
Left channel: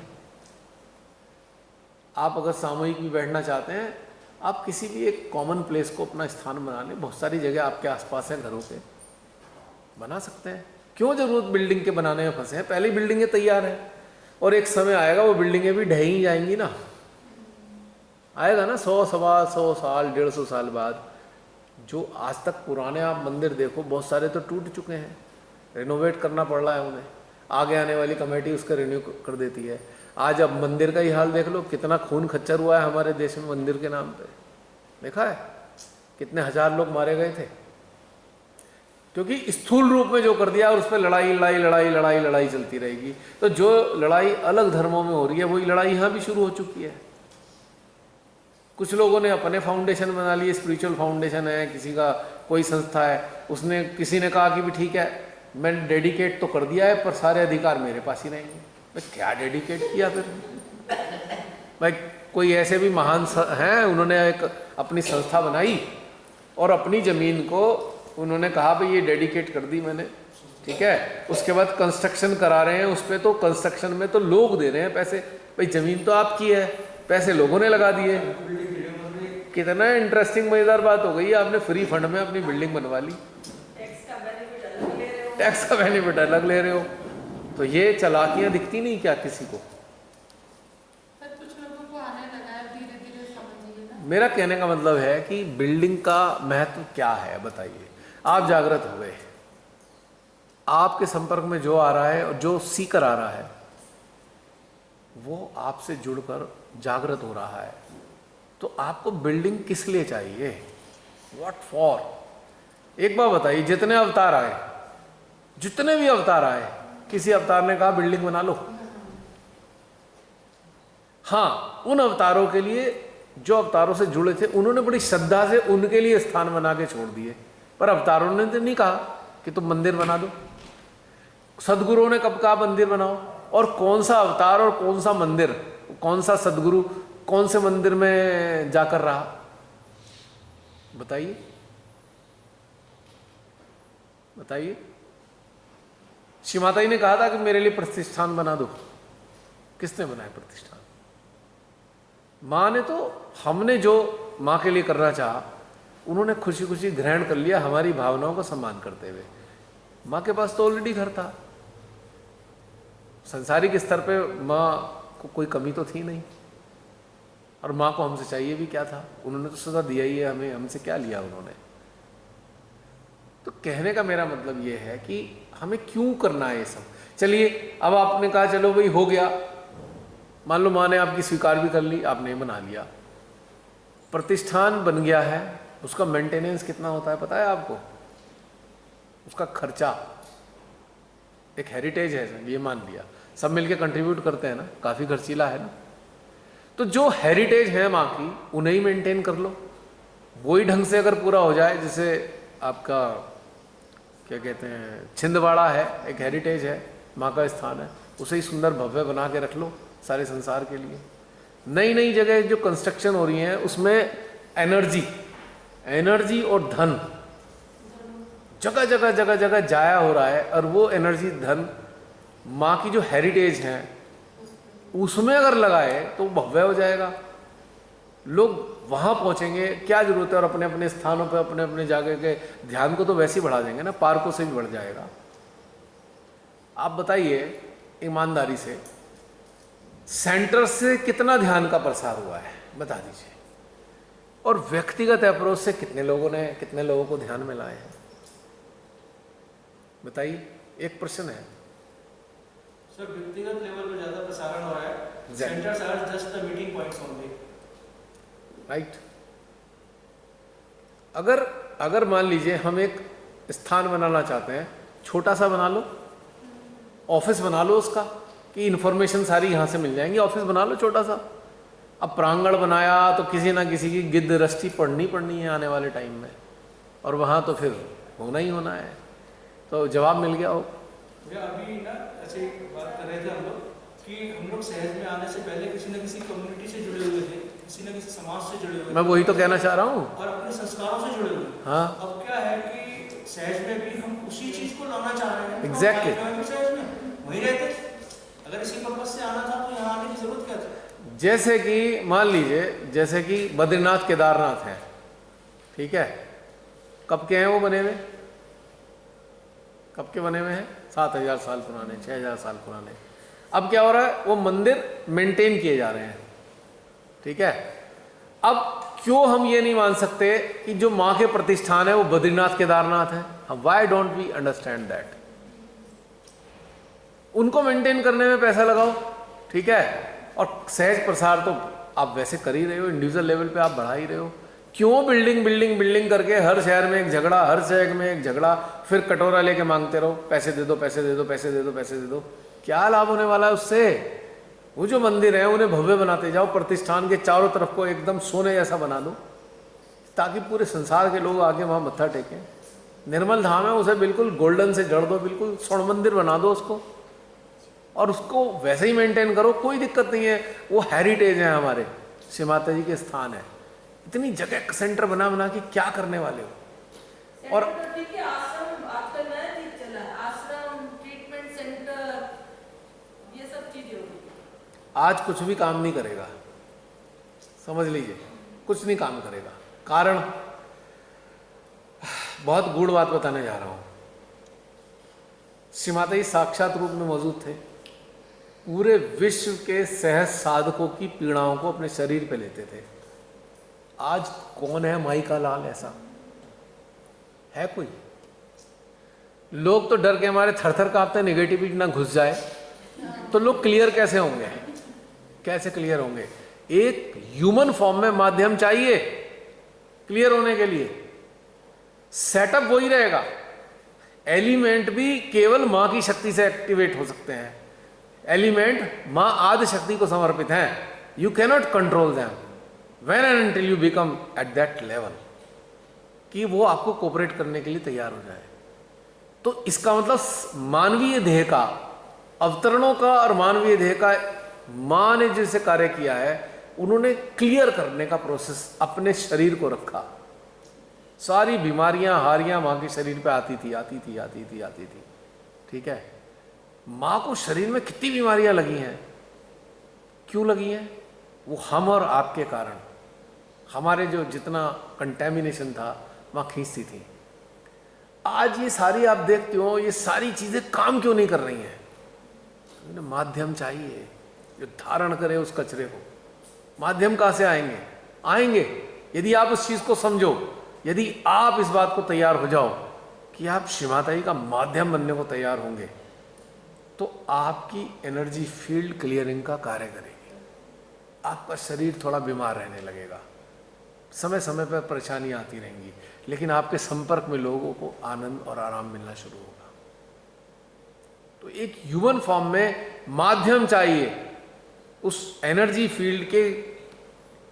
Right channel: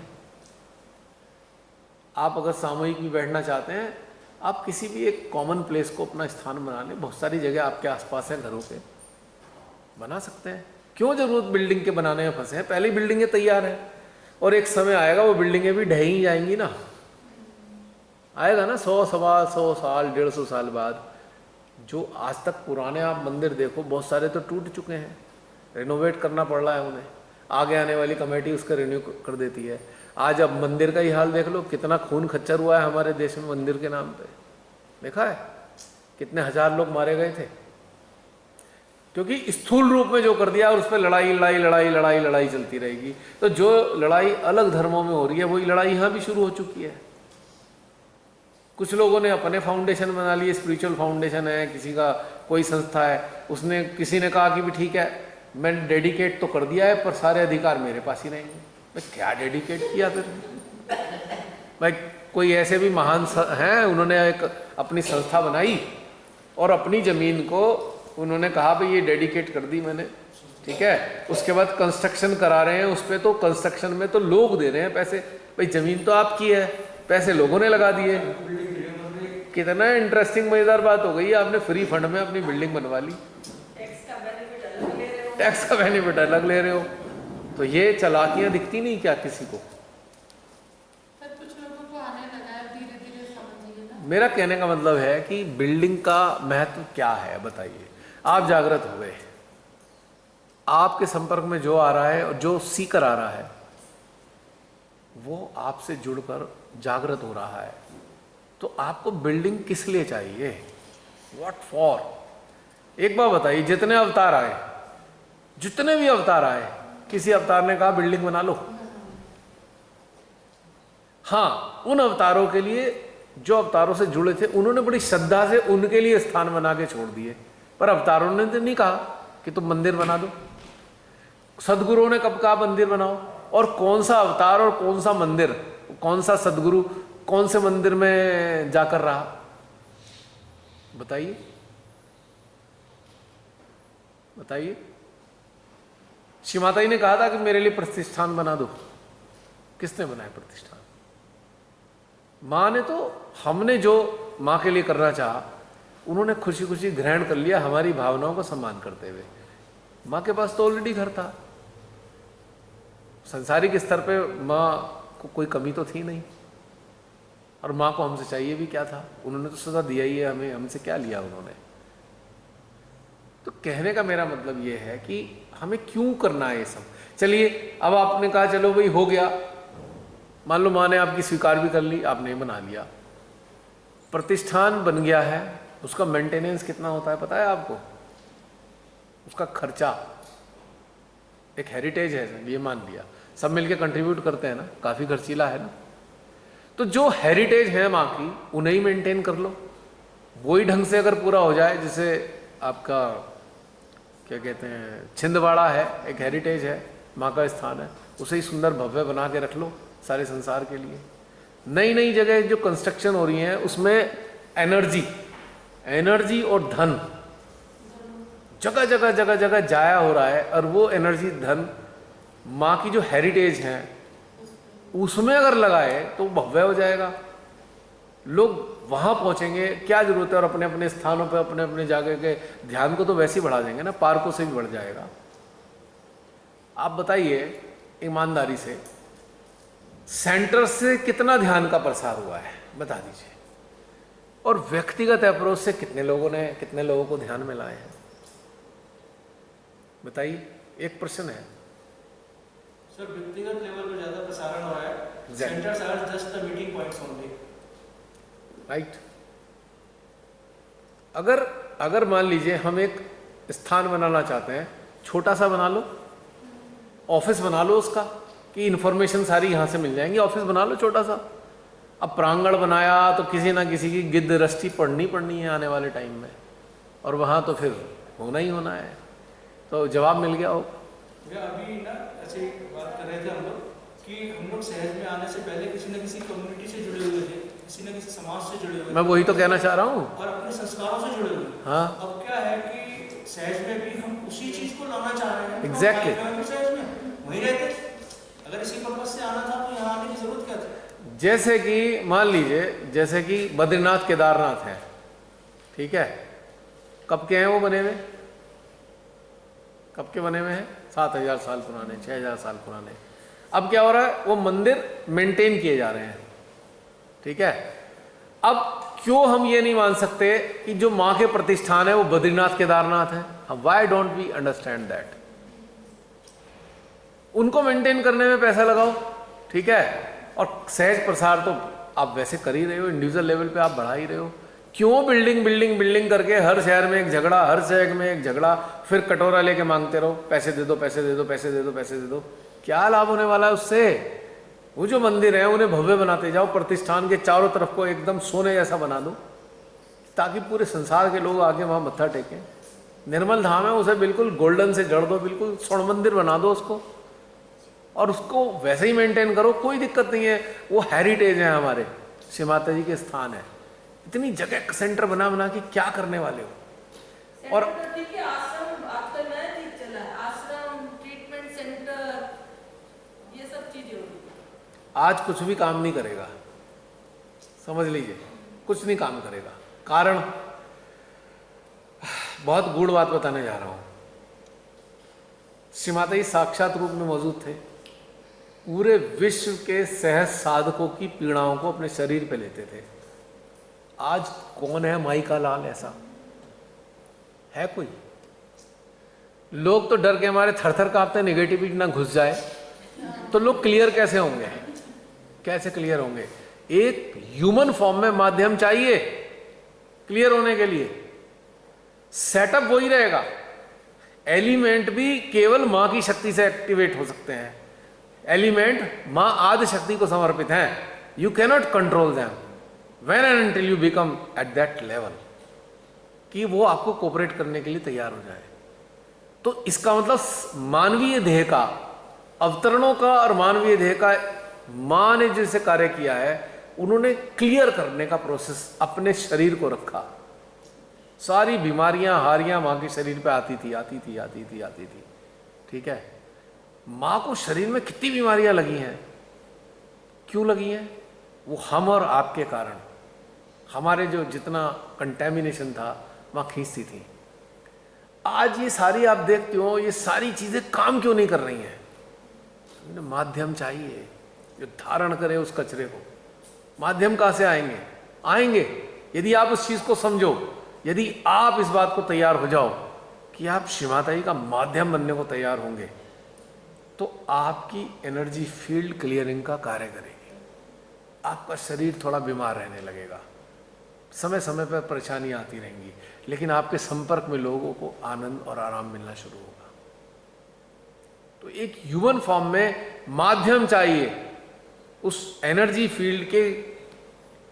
आप अगर सामूहिक भी बैठना चाहते हैं, आप किसी भी एक कॉमन प्लेस को अपना स्थान बना लें। बहुत सारी जगह आपके आसपास है, घरों के बना सकते हैं। क्यों जरूरत बिल्डिंग के बनाने में फंसे हैं? पहले ही बिल्डिंगें तैयार हैं और एक समय आएगा वो बिल्डिंगें भी ढह ही जाएंगी ना, आएगा ना 100 सवा 100 साल 150 साल बाद। जो आज तक पुराने आप मंदिर देखो, बहुत सारे तो टूट चुके हैं, रिनोवेट करना पड़ रहा है उन्हें। आगे आने वाली कमेटी उसका रिन्यू कर देती है। आज अब मंदिर का ही हाल देख लो, कितना खून खच्चर हुआ है हमारे देश में मंदिर के नाम पे। देखा है कितने हजार लोग मारे गए थे, क्योंकि स्थूल रूप में जो कर दिया और उस पर लड़ाई लड़ाई लड़ाई लड़ाई लड़ाई चलती रहेगी। तो जो लड़ाई अलग धर्मों में हो रही है वही लड़ाई यहाँ भी शुरू हो चुकी है। कुछ लोगों ने अपने फाउंडेशन बना लिए, स्पिरिचुअल फाउंडेशन है, किसी का कोई संस्था है, उसने किसी ने कहा कि भी ठीक है मैंने डेडिकेट तो कर दिया है पर सारे अधिकार मेरे पास ही रहेंगे। भाई क्या डेडिकेट किया फिर? भाई कोई ऐसे भी महान हैं, उन्होंने एक अपनी संस्था बनाई और अपनी ज़मीन को उन्होंने कहा भाई ये डेडिकेट कर दी मैंने, ठीक है। उसके बाद कंस्ट्रक्शन करा रहे हैं उस पर, तो कंस्ट्रक्शन में तो लोग दे रहे हैं पैसे। भाई ज़मीन तो आपकी है, पैसे लोगों ने लगा दिए। कितना इंटरेस्टिंग मज़ेदार बात हो गई, आपने फ्री फंड में अपनी बिल्डिंग बनवा ली, टैक्स का बेनिफिट अलग ले रहे हो। तो ये चालाकियाँ दिखती नहीं क्या किसी को? सर कुछ लोगों को आने लगा है, धीरे धीरे समझिए ना। मेरा कहने का मतलब है कि बिल्डिंग का महत्व क्या है बताइए। आप जागृत हो गए, आपके संपर्क में जो आ रहा है और जो सीकर आ रहा है वो आपसे जुड़कर जागृत हो रहा है, तो आपको बिल्डिंग किस लिए चाहिए? What for? एक बार बताइए, जितने अवतार आए, जितने भी अवतार आए, किसी अवतार ने कहा बिल्डिंग बना लो? हाँ, उन अवतारों के लिए जो अवतारों से जुड़े थे उन्होंने बड़ी श्रद्धा से उनके लिए स्थान बना के छोड़ दिए, पर अवतारों ने तो नहीं कहा कि तुम मंदिर बना दो। सदगुरुओं ने कब कहा मंदिर बनाओ? और कौन सा अवतार और कौन सा मंदिर, कौन सा सदगुरु कौन से मंदिर में जाकर रहा? बताइए बताइए। श्री माता जी ने कहा था कि मेरे लिए प्रतिष्ठान बना दो, किसने बनाया प्रतिष्ठान? माँ ने तो, हमने जो माँ के लिए करना चाहा उन्होंने खुशी खुशी ग्रहण कर लिया, हमारी भावनाओं का सम्मान करते हुए। माँ के पास तो ऑलरेडी घर था, सांसारिक स्तर पे माँ को कोई कमी तो थी नहीं, और माँ को हमसे चाहिए भी क्या था? उन्होंने तो सदा दिया ही है हमें, हमसे क्या लिया उन्होंने? तो कहने का मेरा मतलब ये है कि हमें क्यों करना है ये सब। चलिए अब आपने कहा चलो भाई हो गया, मान लो माँ ने आपकी स्वीकार भी कर ली, आपने बना लिया, प्रतिष्ठान बन गया है, उसका मेंटेनेंस कितना होता है पता है आपको? उसका खर्चा, एक हेरिटेज है ये मान लिया, सब मिलके कंट्रीब्यूट करते हैं ना, काफ़ी खर्चीला है ना। तो जो हेरिटेज है माँ की उन्हें ही मेंटेन कर लो, वही ढंग से अगर पूरा हो जाए। जैसे आपका क्या कहते हैं, छिंदवाड़ा है, एक हेरिटेज है, माँ का स्थान है, उसे ही सुंदर भव्य बना के रख लो सारे संसार के लिए। नई नई जगह जो कंस्ट्रक्शन हो रही हैं उसमें एनर्जी और धन जगह जगह जगह जगह जाया हो रहा है, और वो एनर्जी धन माँ की जो हेरिटेज है उसमें अगर लगाए तो भव्य हो जाएगा, लोग वहाँ पहुँचेंगे। क्या जरूरत है? और अपने अपने स्थानों पे अपने अपने जगह के ध्यान को तो वैसे ही बढ़ा देंगे ना, पार्कों से भी बढ़ जाएगा। आप बताइए ईमानदारी से, सेंटर से कितना ध्यान का प्रसार हुआ है बता दीजिए, और व्यक्तिगत अप्रोच से कितने लोगों को ध्यान में लाए हैं बताइए। एक प्रश्न है सर, व्यक्तिगत लेवल पर ज्यादा प्रसारण हो रहा है, centres are just the meeting points only, right. अगर मान लीजिए हम एक स्थान बनाना चाहते हैं, छोटा सा बना लो, ऑफिस बना लो उसका, कि इन्फॉर्मेशन सारी यहाँ से मिल जाएंगी, ऑफिस बना लो छोटा सा। अब प्रांगण बनाया तो किसी ना किसी की गिद्ध रस्ती पढ़नी है आने वाले टाइम में, और वहाँ तो फिर होना ही होना है। तो जवाब मिल गया हो। भैया अभी ना ऐसे बात कर रहे थे हम लोग कि हम लोग सहज में आने से पहले किसी न किसी कम्युनिटी से जुड़े हुए थे, किसी न किसी समाज से जुड़े हुए थे, मैं वही तो कहना चाह रहा हूँ, और अपने संस्कारों से जुड़े हुए। हाँ अब क्या है कि सहज में भी हम उसी चीज को लाना चाह रहे हैं। Exactly. सहज में वहीं रहते, अगर इसी पर्पज से आना था तो यहाँ आने की जरूरत क्या थी? जैसे कि मान लीजिए, जैसे कि बद्रीनाथ केदारनाथ है, ठीक है, कब के हैं वो बने हुए? कब के बने हुए हैं? 7000 साल पुराने, 6000 साल पुराने। अब क्या हो रहा है, वो मंदिर मेंटेन किए जा रहे हैं, ठीक है। अब क्यों हम ये नहीं मान सकते कि जो माँ के प्रतिष्ठान है वो बद्रीनाथ केदारनाथ है? Why don't we understand that? उनको मेंटेन करने में पैसा लगाओ, ठीक है, और सहज प्रसार तो आप वैसे कर ही रहे हो, इंडिविजुअल लेवल पे आप बढ़ा ही रहे हो। क्यों बिल्डिंग बिल्डिंग बिल्डिंग करके हर शहर में एक झगड़ा, हर शहर में एक झगड़ा, फिर कटोरा लेके मांगते रहो, पैसे दे दो, पैसे दे दो, पैसे दे दो, पैसे दे दो। क्या लाभ होने वाला है उससे? वो जो मंदिर है उन्हें भव्य बनाते जाओ, प्रतिष्ठान के चारों तरफ को एकदम सोने जैसा बना दो, ताकि पूरे संसार के लोग आके वहाँ मत्था टेकें। निर्मल धाम है, उसे बिल्कुल गोल्डन से जड़ दो, बिल्कुल स्वर्ण मंदिर बना दो उसको, और उसको वैसे ही मेंटेन करो, कोई दिक्कत नहीं है। वो हेरिटेज है हमारे, श्री माता जी के स्थान है। इतनी जगह सेंटर बना बना के क्या करने वाले हो? और देखिए आश्रम आजकल नया चीज चला है, आश्रम, ट्रीटमेंट सेंटर, ये सब चीजें हो रही। आज कुछ भी काम नहीं करेगा, समझ लीजिए, कुछ नहीं काम करेगा। कारण, बहुत गूढ़ बात बताने जा रहा हूं। श्री माता जी साक्षात रूप में मौजूद थे, पूरे विश्व के सहज साधकों की पीड़ाओं को अपने शरीर पे लेते थे। आज कौन है माई का लाल? ऐसा है कोई? लोग तो डर के हमारे थर-थर कांपते, नेगेटिविटी ना घुस जाए तो लोग क्लियर कैसे होंगे? कैसे क्लियर होंगे? एक ह्यूमन फॉर्म में माध्यम चाहिए क्लियर होने के लिए। सेटअप वही रहेगा, एलिमेंट भी केवल मां की शक्ति से एक्टिवेट हो सकते हैं। एलिमेंट मां आदि शक्ति को समर्पित हैं। You cannot control them when and until you become at that level कि वो आपको कोऑपरेट करने के लिए तैयार हो जाए। तो इसका मतलब मानवीय देह का, अवतरणों का और मानवीय देह का मां ने जैसे कार्य किया है, उन्होंने क्लियर करने का प्रोसेस अपने शरीर को रखा। सारी बीमारियां, हारियां मां के शरीर पे आती थी, ठीक है। मां को शरीर में कितनी बीमारियां लगी हैं, क्यों लगी हैं? वो हम और आपके कारण, हमारे जो जितना कंटेमिनेशन था वहां खींचती थी। आज ये सारी आप देखते हो, ये सारी चीजें काम क्यों नहीं कर रही हैं? माध्यम चाहिए जो धारण करे उस कचरे को। माध्यम कहां से आएंगे यदि आप उस चीज को समझो, यदि आप इस बात को तैयार हो जाओ कि आप श्री माता जी का माध्यम बनने को तैयार होंगे, तो आपकी एनर्जी फील्ड क्लियरिंग का कार्य करेगी। आपका शरीर थोड़ा बीमार रहने लगेगा, समय समय पर परेशानियां आती रहेंगी, लेकिन आपके संपर्क में लोगों को आनंद और आराम मिलना शुरू होगा। तो एक ह्यूमन फॉर्म में माध्यम चाहिए, उस एनर्जी फील्ड के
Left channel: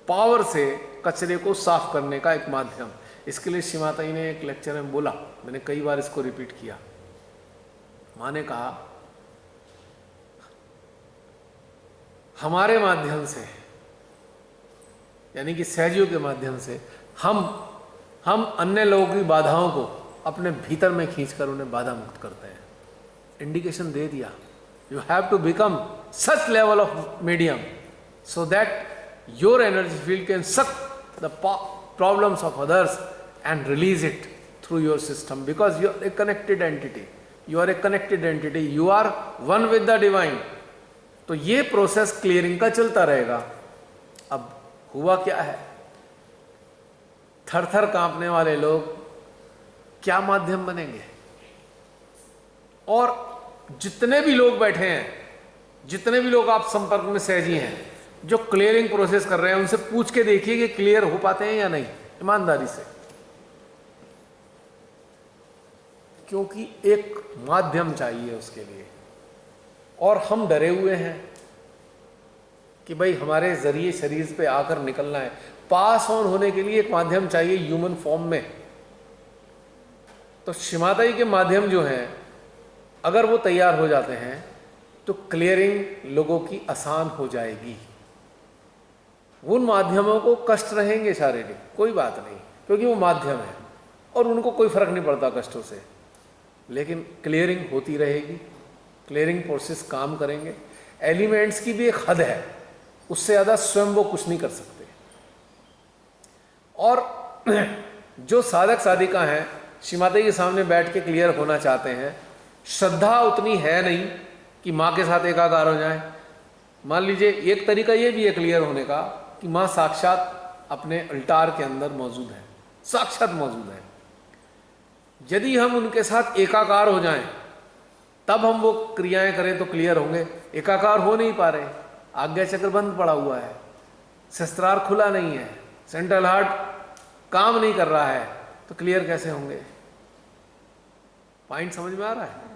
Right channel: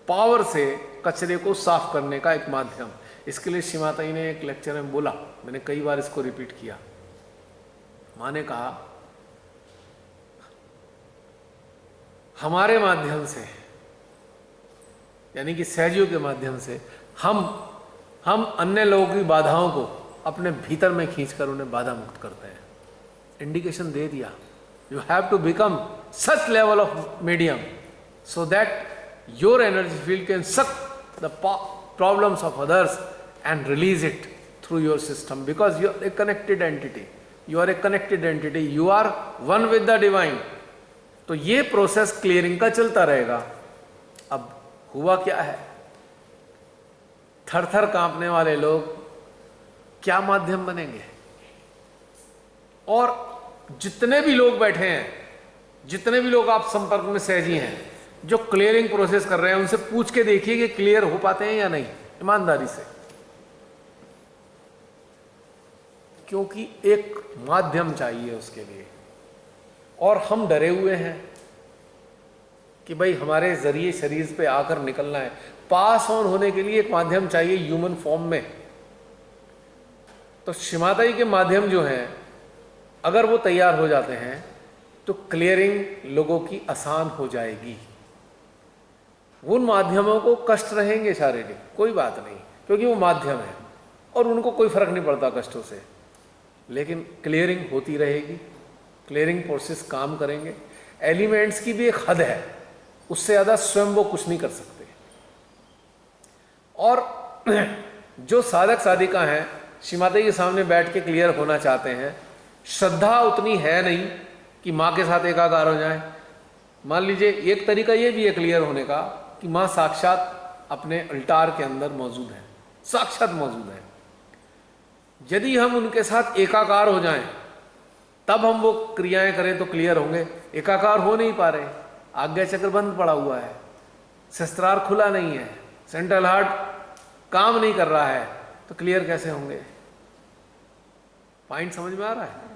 पावर से कचरे को साफ करने का एक माध्यम। इसके लिए श्री माता जी ने एक लेक्चर में बोला, मैंने कई बार इसको रिपीट किया। मां ने कहा, हमारे माध्यम से, यानी कि सहजियों के माध्यम से हम अन्य लोगों की बाधाओं को अपने भीतर में खींचकर उन्हें बाधा मुक्त करते हैं। इंडिकेशन दे दिया, you have to become such level of medium so that your energy field can suck the problems of others and release it through your system, because you are a connected entity, you are one with the divine। तो ये process clearing का चलता रहेगा। अब हुआ क्या है, थर थर कांपने वाले लोग क्या माध्यम बनेंगे? और जितने भी लोग बैठे हैं, जितने भी लोग आप संपर्क में सहजी हैं, जो क्लियरिंग प्रोसेस कर रहे हैं, उनसे पूछ के देखिए कि क्लियर हो पाते हैं या नहीं, ईमानदारी से। क्योंकि एक माध्यम चाहिए उसके लिए, और हम डरे हुए हैं कि भाई हमारे जरिए शरीर पे आकर निकलना है। पास ऑन होने के लिए एक माध्यम चाहिए ह्यूमन फॉर्म में। तो श्री माता जी के माध्यम जो हैं, अगर वो तैयार हो जाते हैं तो क्लियरिंग लोगों की आसान हो जाएगी। उन माध्यमों को कष्ट रहेंगे शारीरिक, कोई बात नहीं, क्योंकि वो माध्यम है और उनको कोई फर्क नहीं पड़ता कष्टों से, लेकिन क्लियरिंग होती रहेगी, क्लियरिंग प्रोसेस काम करेंगे। एलिमेंट्स की भी एक हद है, उससे ज़्यादा स्वयं वो कुछ नहीं कर सकते। और जो साधक साधिका हैं श्रीमाता जी के सामने बैठ के क्लियर होना चाहते हैं, श्रद्धा उतनी है नहीं कि माँ के साथ एकाकार हो जाए। मान लीजिए एक तरीका ये भी है क्लियर होने का कि माँ साक्षात अपने अल्टार के अंदर मौजूद है, साक्षात मौजूद है। यदि हम उनके साथ एकाकार हो जाएं तब हम वो क्रियाएं करें तो क्लियर होंगे। एकाकार हो नहीं पा रहे, आज्ञा चक्र बंद पड़ा हुआ है, शस्त्रार खुला नहीं है, सेंट्रल हार्ट काम नहीं कर रहा है, तो क्लियर कैसे होंगे? पॉइंट समझ में आ रहा है?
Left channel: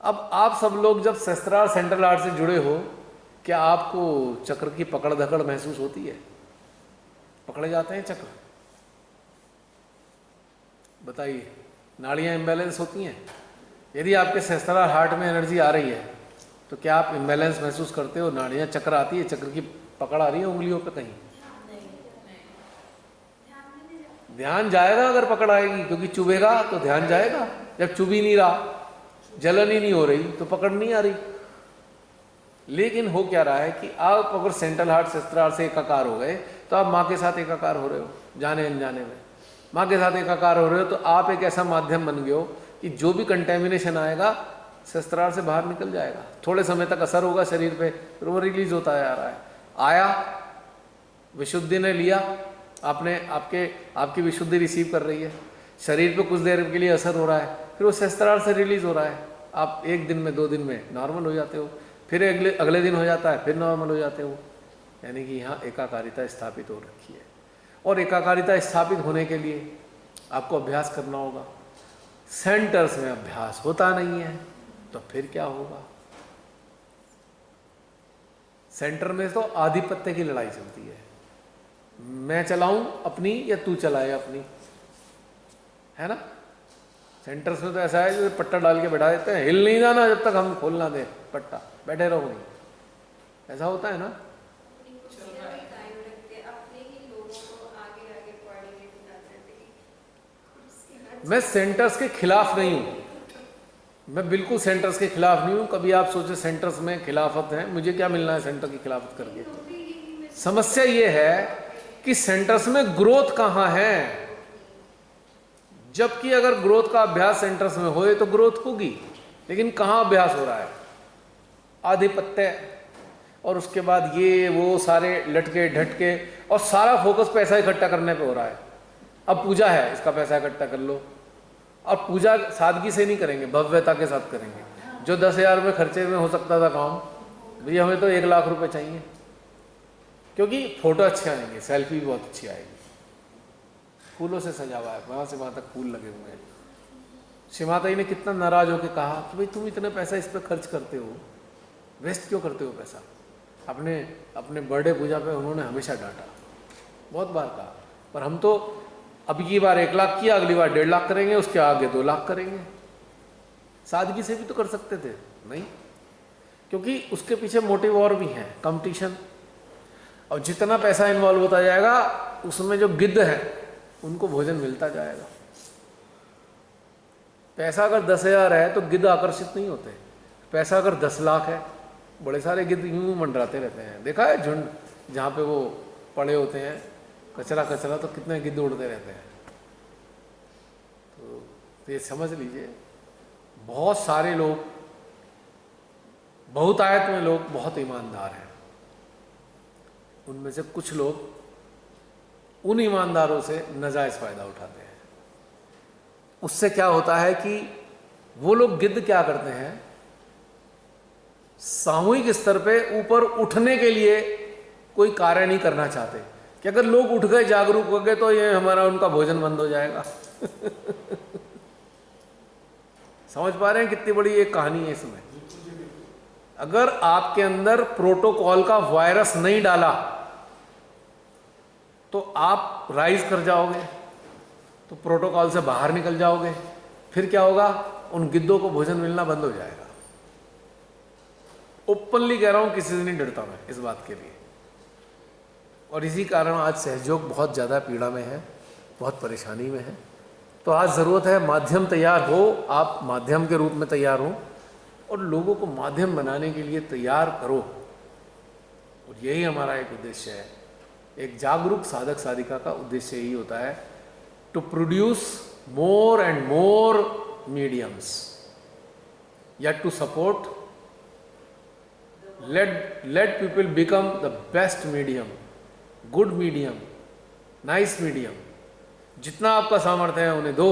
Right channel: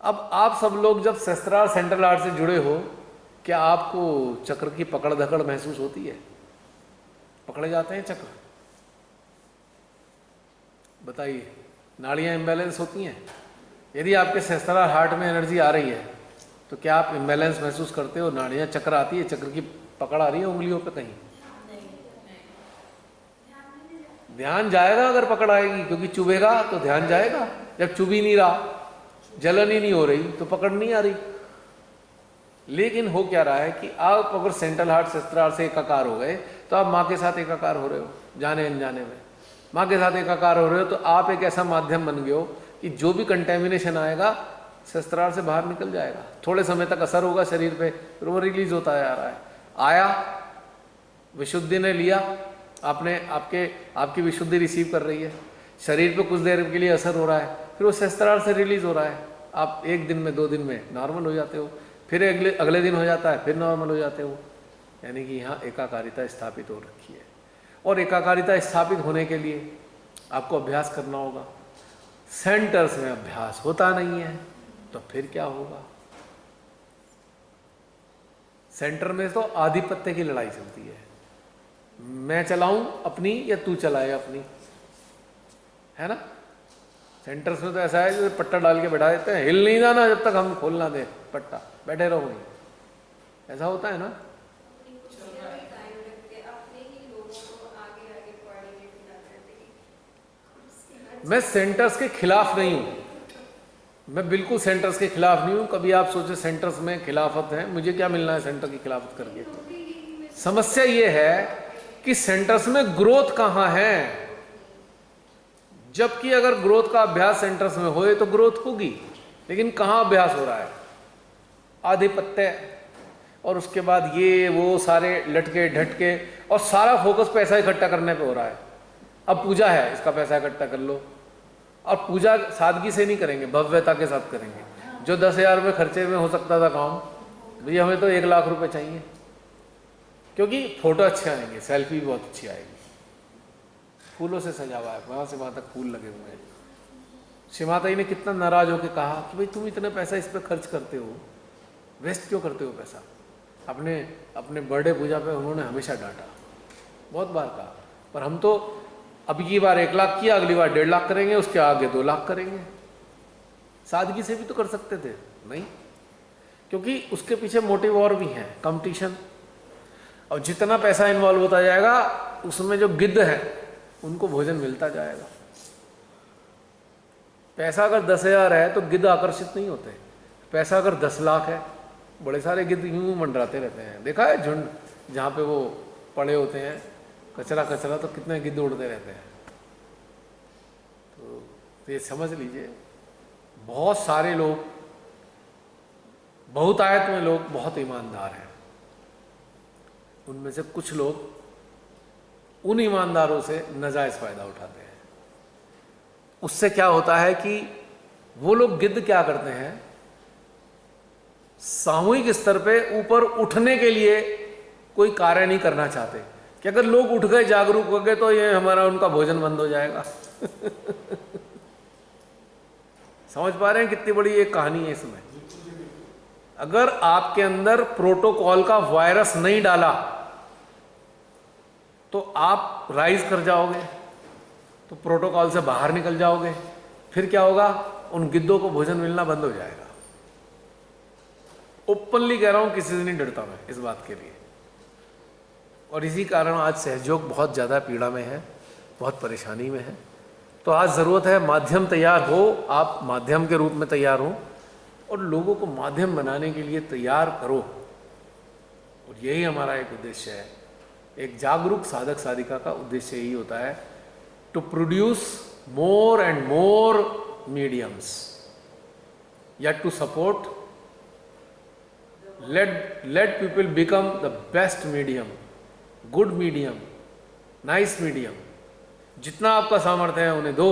अब आप सब लोग जब शस्त्रार सेंट्रल हार्ट से जुड़े हो, क्या आपको चक्र की पकड़ धकड़ महसूस होती है? पकड़े जाते हैं चक्र? बताइए, नाड़ियां इम्बैलेंस होती हैं? यदि आपके शस्त्रार हार्ट में एनर्जी आ रही है तो क्या आप इम्बैलेंस महसूस करते हो? नाड़ियां चक्र आती है, चक्र की पकड़ आ रही है उंगलियों पे कहीं? ध्यान जाएगा अगर पकड़ आएगी, क्योंकि चुभेगा तो ध्यान जाएगा। जब चुभ ही नहीं रहा, जलन ही नहीं हो रही, तो पकड़ नहीं आ रही। लेकिन हो क्या रहा है कि आप अगर सेंट्रल हार्ट शस्त्रार से एकाकार हो गए तो आप माँ के साथ एकाकार हो रहे हो, जाने अनजाने में माँ के साथ एकाकार हो रहे हो। तो आप एक ऐसा माध्यम बन गए हो कि जो भी कंटेमिनेशन आएगा शस्त्रार से बाहर निकल जाएगा। थोड़े समय तक असर होगा शरीर पे, फिर वो रिलीज होता जा रहा है। आया, विशुद्धि ने लिया, आपने आपकी विशुद्धि रिसीव कर रही है, शरीर पे कुछ देर के लिए असर हो रहा है, फिर वो शस्त्रार से रिलीज हो रहा है। आप 1 दिन में 2 दिन में नॉर्मल हो जाते हो, फिर अगले दिन हो जाता है, फिर नॉर्मल हो जाते हो। यानी कि यहाँ एकाकारिता स्थापित हो रखी है। और एकाकारिता स्थापित होने के लिए आपको अभ्यास करना होगा। सेंटर्स में अभ्यास होता नहीं है तो फिर क्या होगा? सेंटर में तो आधिपत्य की लड़ाई चलती है, मैं चलाऊं अपनी या तू चलाए अपनी, है ना? सेंटर्स में तो ऐसा है जो पट्टा डाल के बैठा देते हैं, हिल नहीं जाना जब तक हम खोल ना दे पट्टा, बैठे रहो नहीं, ऐसा होता है ना? मैं सेंटर्स के खिलाफ नहीं हूं, मैं बिल्कुल सेंटर्स के खिलाफ नहीं हूं। कभी आप सोचे सेंटर्स में खिलाफत है, मुझे क्या मिलना है सेंटर की खिलाफत करके? समस्या ये है कि सेंटर्स में ग्रोथ कहां है, जबकि अगर ग्रोथ का अभ्यास सेंटर्स में होए तो ग्रोथ होगी, लेकिन कहां अभ्यास हो रहा है? आधिपत्य, और उसके बाद ये वो सारे लटके ढटके, और सारा फोकस पैसा इकट्ठा करने पे हो रहा है। अब पूजा है, इसका पैसा इकट्ठा कर लो, और पूजा सादगी से नहीं करेंगे, भव्यता के साथ करेंगे। जो 10,000 रुपये खर्चे में हो सकता था काम, भैया हमें तो 1 लाख रुपए चाहिए, क्योंकि फोटो अच्छे आएंगे, सेल्फी भी बहुत अच्छी आएगी, फूलों से सजा हुआ है, वहाँ से वहाँ तक फूल लगे हुए हैं। श्री माता जी ने कितना नाराज होकर कहा कि भाई तुम इतना पैसा इस पर खर्च करते हो, वेस्ट क्यों करते हो पैसा? अपने बर्थडे पूजा पे उन्होंने हमेशा डांटा, बहुत बार कहा। पर हम तो अब की बार 1 लाख किया, अगली बार 1.5 लाख करेंगे, उसके आगे 2 लाख करेंगे। सादगी से भी तो कर सकते थे, नहीं, क्योंकि उसके पीछे मोटिव और भी है, कंपटीशन। और जितना पैसा इन्वॉल्व होता जाएगा उसमें जो गिद्ध है उनको भोजन मिलता जाएगा। पैसा अगर 10,000 है तो गिद्ध आकर्षित नहीं होते, पैसा अगर 10 लाख है, बड़े सारे गिद्ध यूं मंडराते रहते हैं। देखा है झुंड जहाँ पे वो पड़े होते हैं, कचरा तो कितने गिद्ध उड़ते रहते हैं। तो ये समझ लीजिए, बहुत सारे लोग, बहुतायत में लोग बहुत ईमानदार हैं, उनमें से कुछ लोग उन ईमानदारों से नाजायज फायदा उठाते हैं। उससे क्या होता है कि वो लोग गिद्ध क्या करते हैं, सामूहिक स्तर पे ऊपर उठने के लिए कोई कार्य नहीं करना चाहते कि अगर लोग उठ गए, जागरूक हो गए, तो ये हमारा उनका भोजन बंद हो जाएगा। समझ पा रहे हैं कितनी बड़ी एक कहानी है इसमें? अगर आपके अंदर प्रोटोकॉल का वायरस नहीं डाला तो आप राइज कर जाओगे, तो प्रोटोकॉल से बाहर निकल जाओगे, फिर क्या होगा? उन गिद्धों को भोजन मिलना बंद हो जाएगा। ओपनली कह रहा हूं, किसी से नहीं डरता मैं इस बात के लिए। और इसी कारण आज सहयोग बहुत ज़्यादा पीड़ा में है, बहुत परेशानी में है। तो आज ज़रूरत है माध्यम तैयार हो, आप माध्यम के रूप में तैयार हो, और लोगों को माध्यम बनाने के लिए तैयार करो। और यही हमारा एक उद्देश्य है। एक जागरूक साधक साधिका का उद्देश्य यही होता है, to produce more and more mediums, या to support, let people become the best medium, good medium, nice medium। जितना आपका सामर्थ्य है उन्हें दो,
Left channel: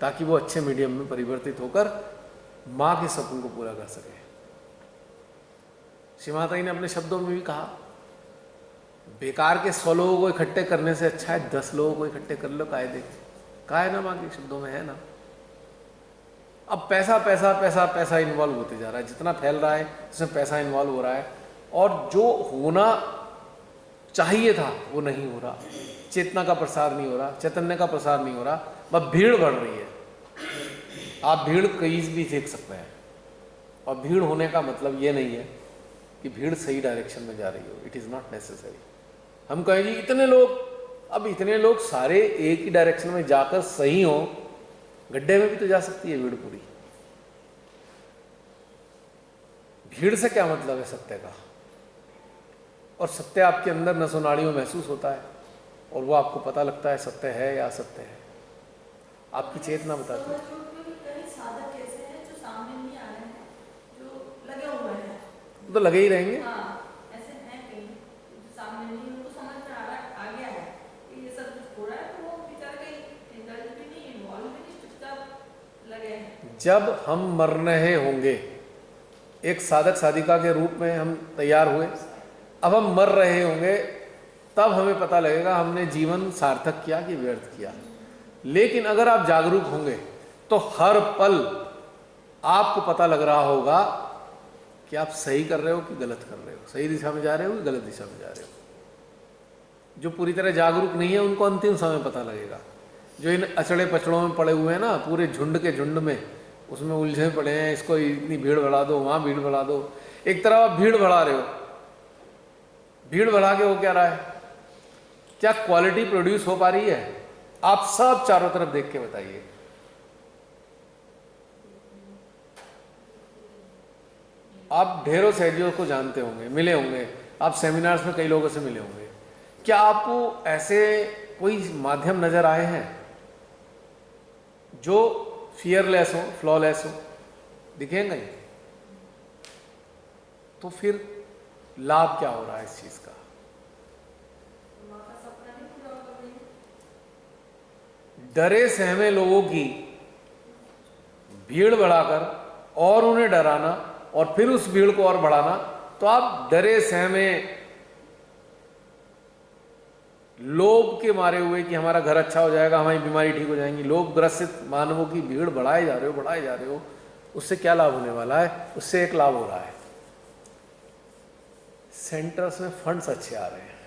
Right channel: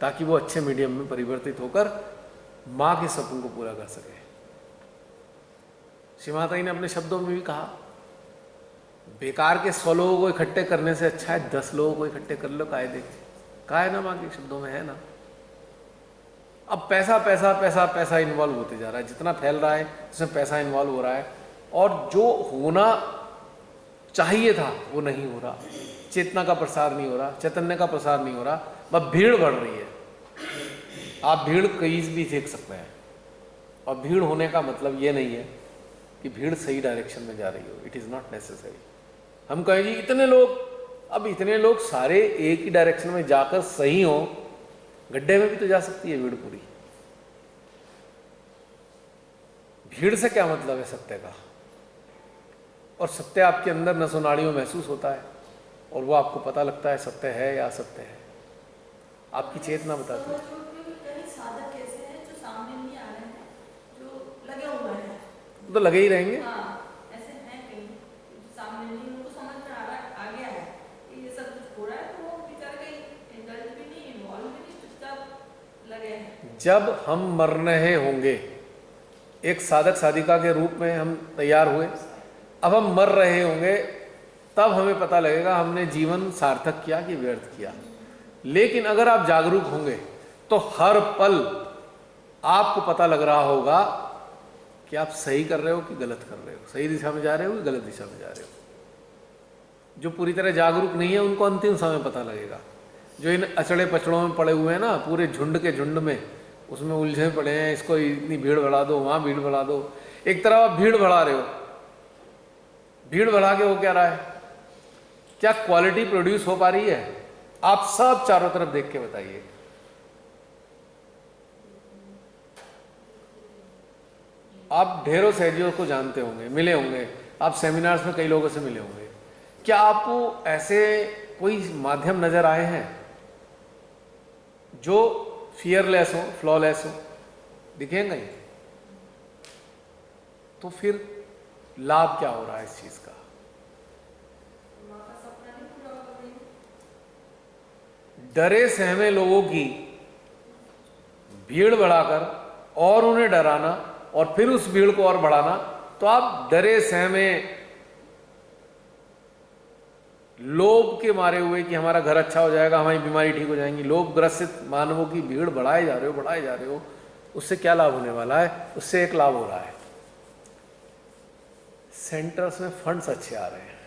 ताकि वो अच्छे मीडियम में परिवर्तित होकर माँ के सपन को पूरा कर सके। श्री माता जी ने अपने शब्दों में भी कहा, बेकार के 100 लोगों को इकट्ठे करने से अच्छा है 10 लोगों को इकट्ठे कर लो कायदे। कहा है ना, माँ के शब्दों में है ना। अब पैसा पैसा पैसा पैसा इन्वॉल्व होते जा रहा है, जितना फैल रहा है उसमें पैसा इन्वॉल्व हो रहा है, और जो होना चाहिए था वो नहीं हो रहा। चेतना का प्रसार नहीं हो रहा, चैतन्य का प्रसार नहीं हो रहा, बस भीड़ बढ़ रही है। आप भीड़ कहीं भी देख सकते हैं, और भीड़ होने का मतलब ये नहीं है कि भीड़ सही डायरेक्शन में जा रही हो। It is not necessary. हम कहें जी इतने लोग, अब इतने लोग सारे एक ही डायरेक्शन में जाकर सही हो, गड्ढे में भी तो जा सकती है भीड़ पूरी। भीड़ से क्या मतलब है सत्य का, और सत्य आपके अंदर नसों नाड़ियों महसूस होता है, और वो आपको पता लगता है सत्य है या असत्य है। आपकी चेतना बताती है। कई साधक ऐसे हैं जो सामने नहीं आ रहे हैं, जो लगे हुए हैं, तो लगे ही रहेंगे। हाँ ऐसे हैं कई जो सामने नहीं, उनको समझ में आ गया है कि ये सब कुछ हो रहा है, तो वो बेचारे कहीं इंडल्ज भी नहीं, इन्वॉल्व भी नहीं, चुपचाप लगे हैं। जब हम मर रहे होंगे, एक साधक साधिका के रूप में हम तैयार हुए, अब हम मर रहे होंगे, तब हमें पता लगेगा हमने जीवन सार्थक किया कि व्यर्थ किया। लेकिन अगर आप जागरूक होंगे तो हर पल आपको पता लग रहा होगा कि आप सही कर रहे हो कि गलत कर रहे हो, सही दिशा में जा रहे हो कि गलत दिशा में जा रहे हो। जो पूरी तरह जागरूक नहीं है उनको अंतिम समय पता लगेगा। जो इन अचड़े पचड़ों में पड़े हुए हैं ना, पूरे झुंड के झुंड में, उसमें उलझे पड़े हैं, इसको इतनी भीड़ बढ़ा दो, वहाँ भीड़ बढ़ा दो। एक तरफ आप भीड़ बढ़ा रहे हो, भीड़ बढ़ा के हो क्या रहा है? क्या क्वालिटी प्रोड्यूस हो पा रही है? आप सब चारों तरफ देख के बताइए। आप ढेरों सहजियों को जानते होंगे, मिले होंगे, आप सेमिनार्स में कई लोगों से मिले होंगे। क्या आपको ऐसे कोई माध्यम नजर आए हैं जो फियरलेस हो, फ्लॉलेस हो? दिखेंगे ही। तो फिर लाभ क्या हो रहा है इस चीज का? डरे सहमे लोगों की भीड़ बढ़ाकर और उन्हें डराना, और फिर उस भीड़ को और बढ़ाना, तो आप डरे सहमे लोभ के मारे हुए कि हमारा घर अच्छा हो जाएगा, हमारी बीमारी ठीक हो जाएंगी, लोभ ग्रसित मानवों की भीड़ बढ़ाए जा रहे हो। उससे क्या लाभ होने वाला है? उससे एक लाभ हो रहा है, सेंटर्स में फंड्स अच्छे आ रहे हैं,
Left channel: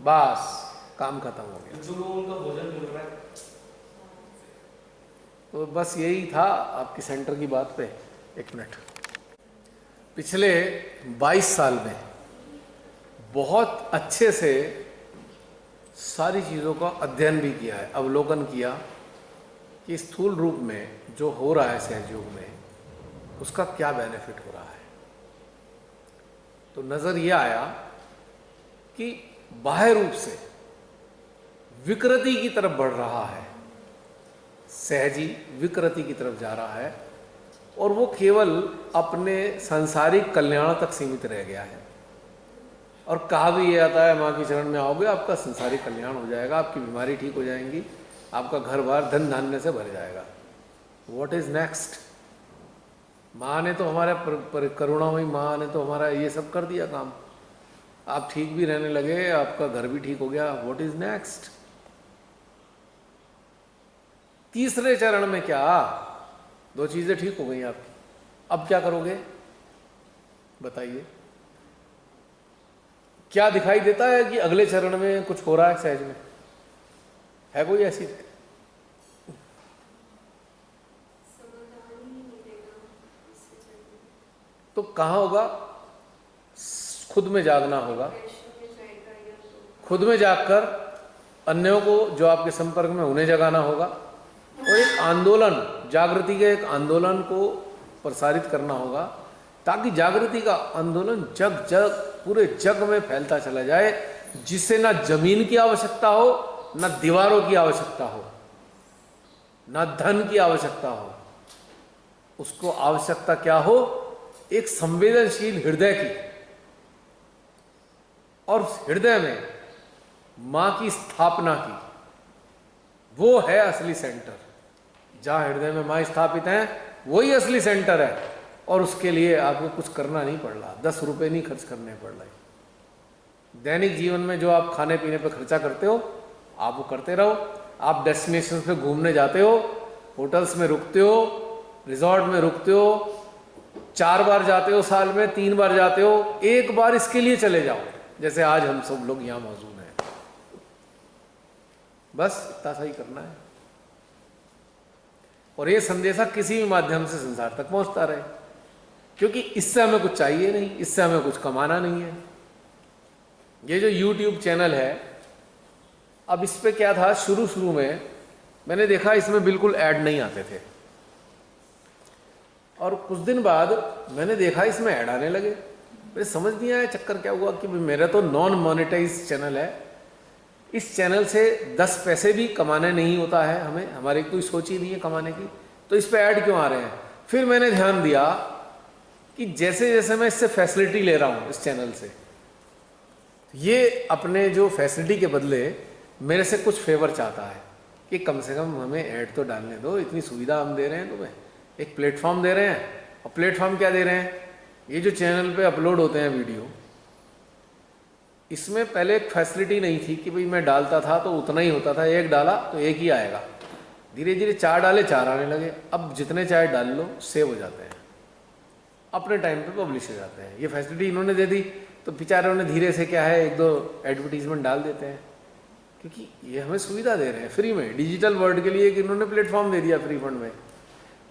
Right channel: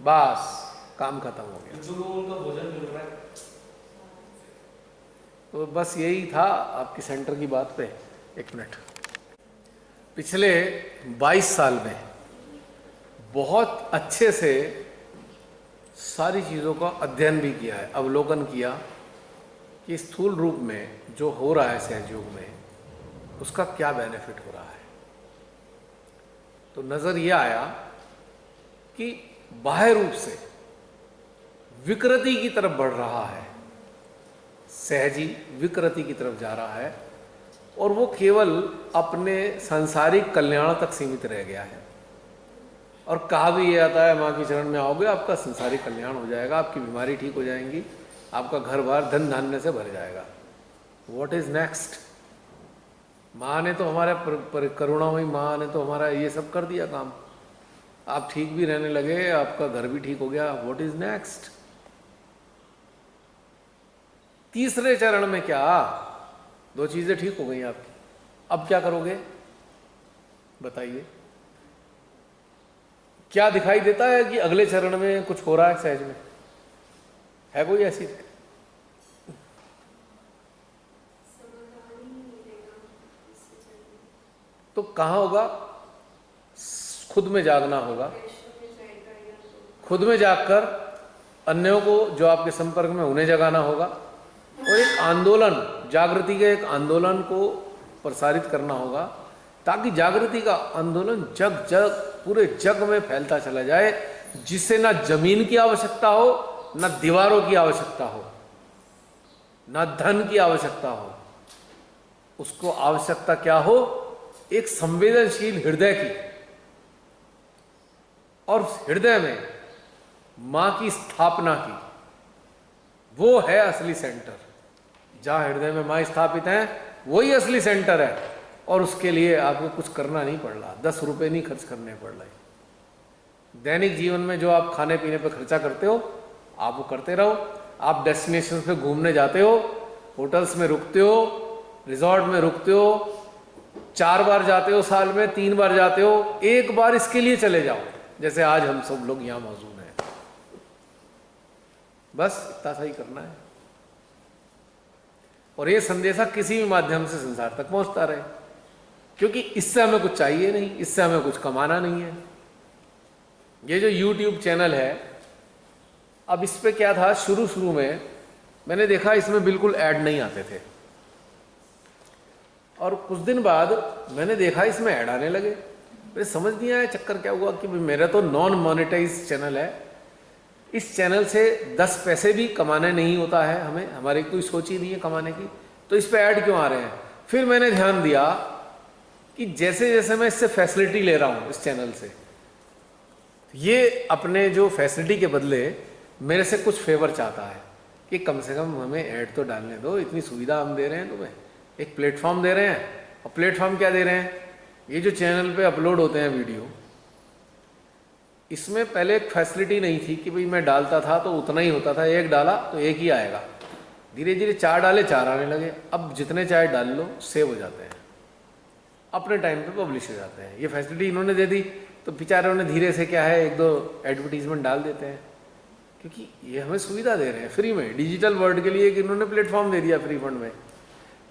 बस काम खत्म हो गया। जो लोगों उनका भोजन मिल रहा है। तो बस यही था आपकी सेंटर की बात पे। एक मिनट। पिछले 22 साल में बहुत अच्छे से सारी चीज़ों का अध्ययन भी किया है, अवलोकन किया कि स्थूल रूप में जो हो रहा है सहयोग में, उसका क्या बेनिफिट हो रहा है। तो नज़र यह आया कि बाह्य रूप से विकृति की तरफ बढ़ रहा है, सहजी विकृति की तरफ जा रहा है, और वो केवल अपने सांसारिक कल्याण तक सीमित रह गया है। और कहा भी ये आता है, माँ के चरण में आओगे आपका सांसारिक कल्याण हो जाएगा, आपकी बीमारी ठीक हो जाएंगी, आपका घर बार धन धान्य से भर जाएगा। What is next? माँ ने तो हमारे करुणामयी माँ ने तो हमारा ये सब कर दिया काम, आप ठीक भी रहने लगे, आपका घर भी ठीक हो गया। What is next? तीसरे चरण में क्या? 2 चीजें ठीक हो गई आपकी, अब क्या करोगे बताइए? क्या दिखाई देता है कि अगले चरण में कुछ हो रहा है सहज में? है कोई ऐसी? तो कहाँ होगा? खुद में जागना होगा, खुद में जागकर अन्यों को जो आपके संपर्क में उन्हें जगाना होगा, और एक आंदोलन, जागृति के एक आंदोलन को प्रसारित करना होगा, ताकि जागृति का आंदोलन जग जग पूरे जग में फैलता चला जाए, जिससे ना जमीन की आवश्यकता हो, ना दीवारों की आवश्यकता हो, ना धन की आवश्यकता हो। उसको आवश्यकता क्या हो? एक संवेदनशील हृदय की, और हृदय में मां की स्थापना की। वो है असली सेंटर। जहां हृदय में मां स्थापित है वही असली सेंटर है। और उसके लिए आपको कुछ करना नहीं पड़ रहा, 10 रुपए नहीं खर्च करने पड़ रहे। दैनिक जीवन में जो आप खाने पीने पर खर्चा करते हो, आप वो करते रहो। आप डेस्टिनेशन पे घूमने जाते हो, होटल्स में रुकते हो, रिजॉर्ट में रुकते हो, 4 बार जाते हो साल में, 3 बार जाते हो, एक बार इसके लिए चले जाओ, जैसे आज हम सब लोग यहां मौजूद हैं। बस इतना सा ही करना है, और ये संदेशा किसी भी माध्यम से संसार तक पहुंचता रहे, क्योंकि इससे हमें कुछ चाहिए नहीं, इससे हमें कुछ कमाना नहीं है। ये जो YouTube चैनल है, अब इस पे क्या था, शुरू में मैंने देखा इसमें बिल्कुल ऐड नहीं आते थे, और कुछ दिन बाद मैंने देखा इसमें ऐड आने लगे। मुझे समझ नहीं आया चक्कर क्या हुआ, कि मेरा तो नॉन मोनेटाइज चैनल है, इस चैनल से 10 पैसे भी कमाने नहीं होता है हमें, हमारी कोई सोच ही नहीं है कमाने की, तो इस पे ऐड क्यों आ रहे हैं। फिर मैंने ध्यान दिया कि जैसे जैसे मैं इससे फैसिलिटी ले रहा हूँ इस चैनल से, ये अपने जो फैसिलिटी के बदले मेरे से कुछ फेवर चाहता है कि कम से कम हमें ऐड तो डालने दो, इतनी सुविधा हम दे रहे हैं तुम्हें, एक प्लेटफॉर्म दे रहे हैं। और प्लेटफॉर्म क्या दे रहे हैं, ये जो चैनल पे अपलोड होते हैं वीडियो, इसमें पहले एक फैसिलिटी नहीं थी कि भाई मैं डालता था तो उतना ही होता था, एक डाला तो एक ही आएगा। धीरे धीरे 4 डाले 4 आने लगे। अब जितने चाहे डाल लो, सेव हो जाते हैं, अपने टाइम पे पब्लिश हो जाते हैं। ये फैसिलिटी इन्होंने दे दी, तो बेचारों ने धीरे से क्या है 1-2 एडवर्टीजमेंट डाल देते हैं, क्योंकि ये हमें सुविधा दे रहे हैं फ्री में। डिजिटल वर्ल्ड के लिए एक इन्होंने प्लेटफॉर्म दे दिया फ्री फंड में,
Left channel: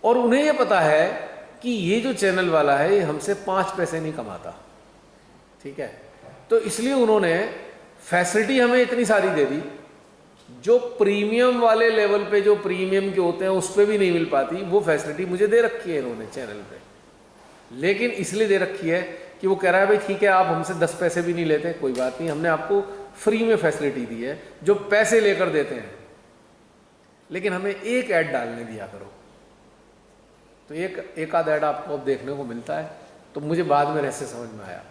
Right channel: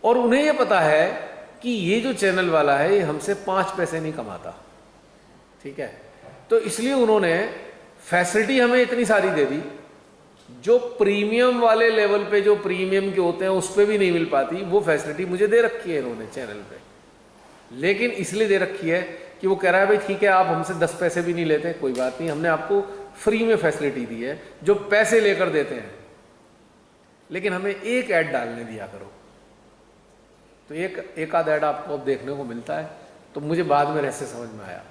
और उन्हें ये पता है कि ये जो चैनल वाला है ये हमसे 5 पैसे नहीं कमाता, ठीक है। तो इसलिए उन्होंने फैसिलिटी हमें इतनी सारी दे दी, जो प्रीमियम वाले लेवल पे, जो प्रीमियम के होते हैं उस पर भी नहीं मिल पाती, वो फैसिलिटी मुझे दे रखी है इन्होंने चैनल पे। लेकिन इसलिए दे रखी है कि वो कह रहा है भाई ठीक है, आप हमसे 10 पैसे भी नहीं लेते, कोई बात नहीं, हमने आपको फ्री में फैसिलिटी दी है, जो पैसे लेकर देते हैं, लेकिन हमें एक ऐड डालने दिया करो। तो एक आध ऐड आपको अब देखने को मिलता है। तो मुझे बाद में रहस्य समझ में आया,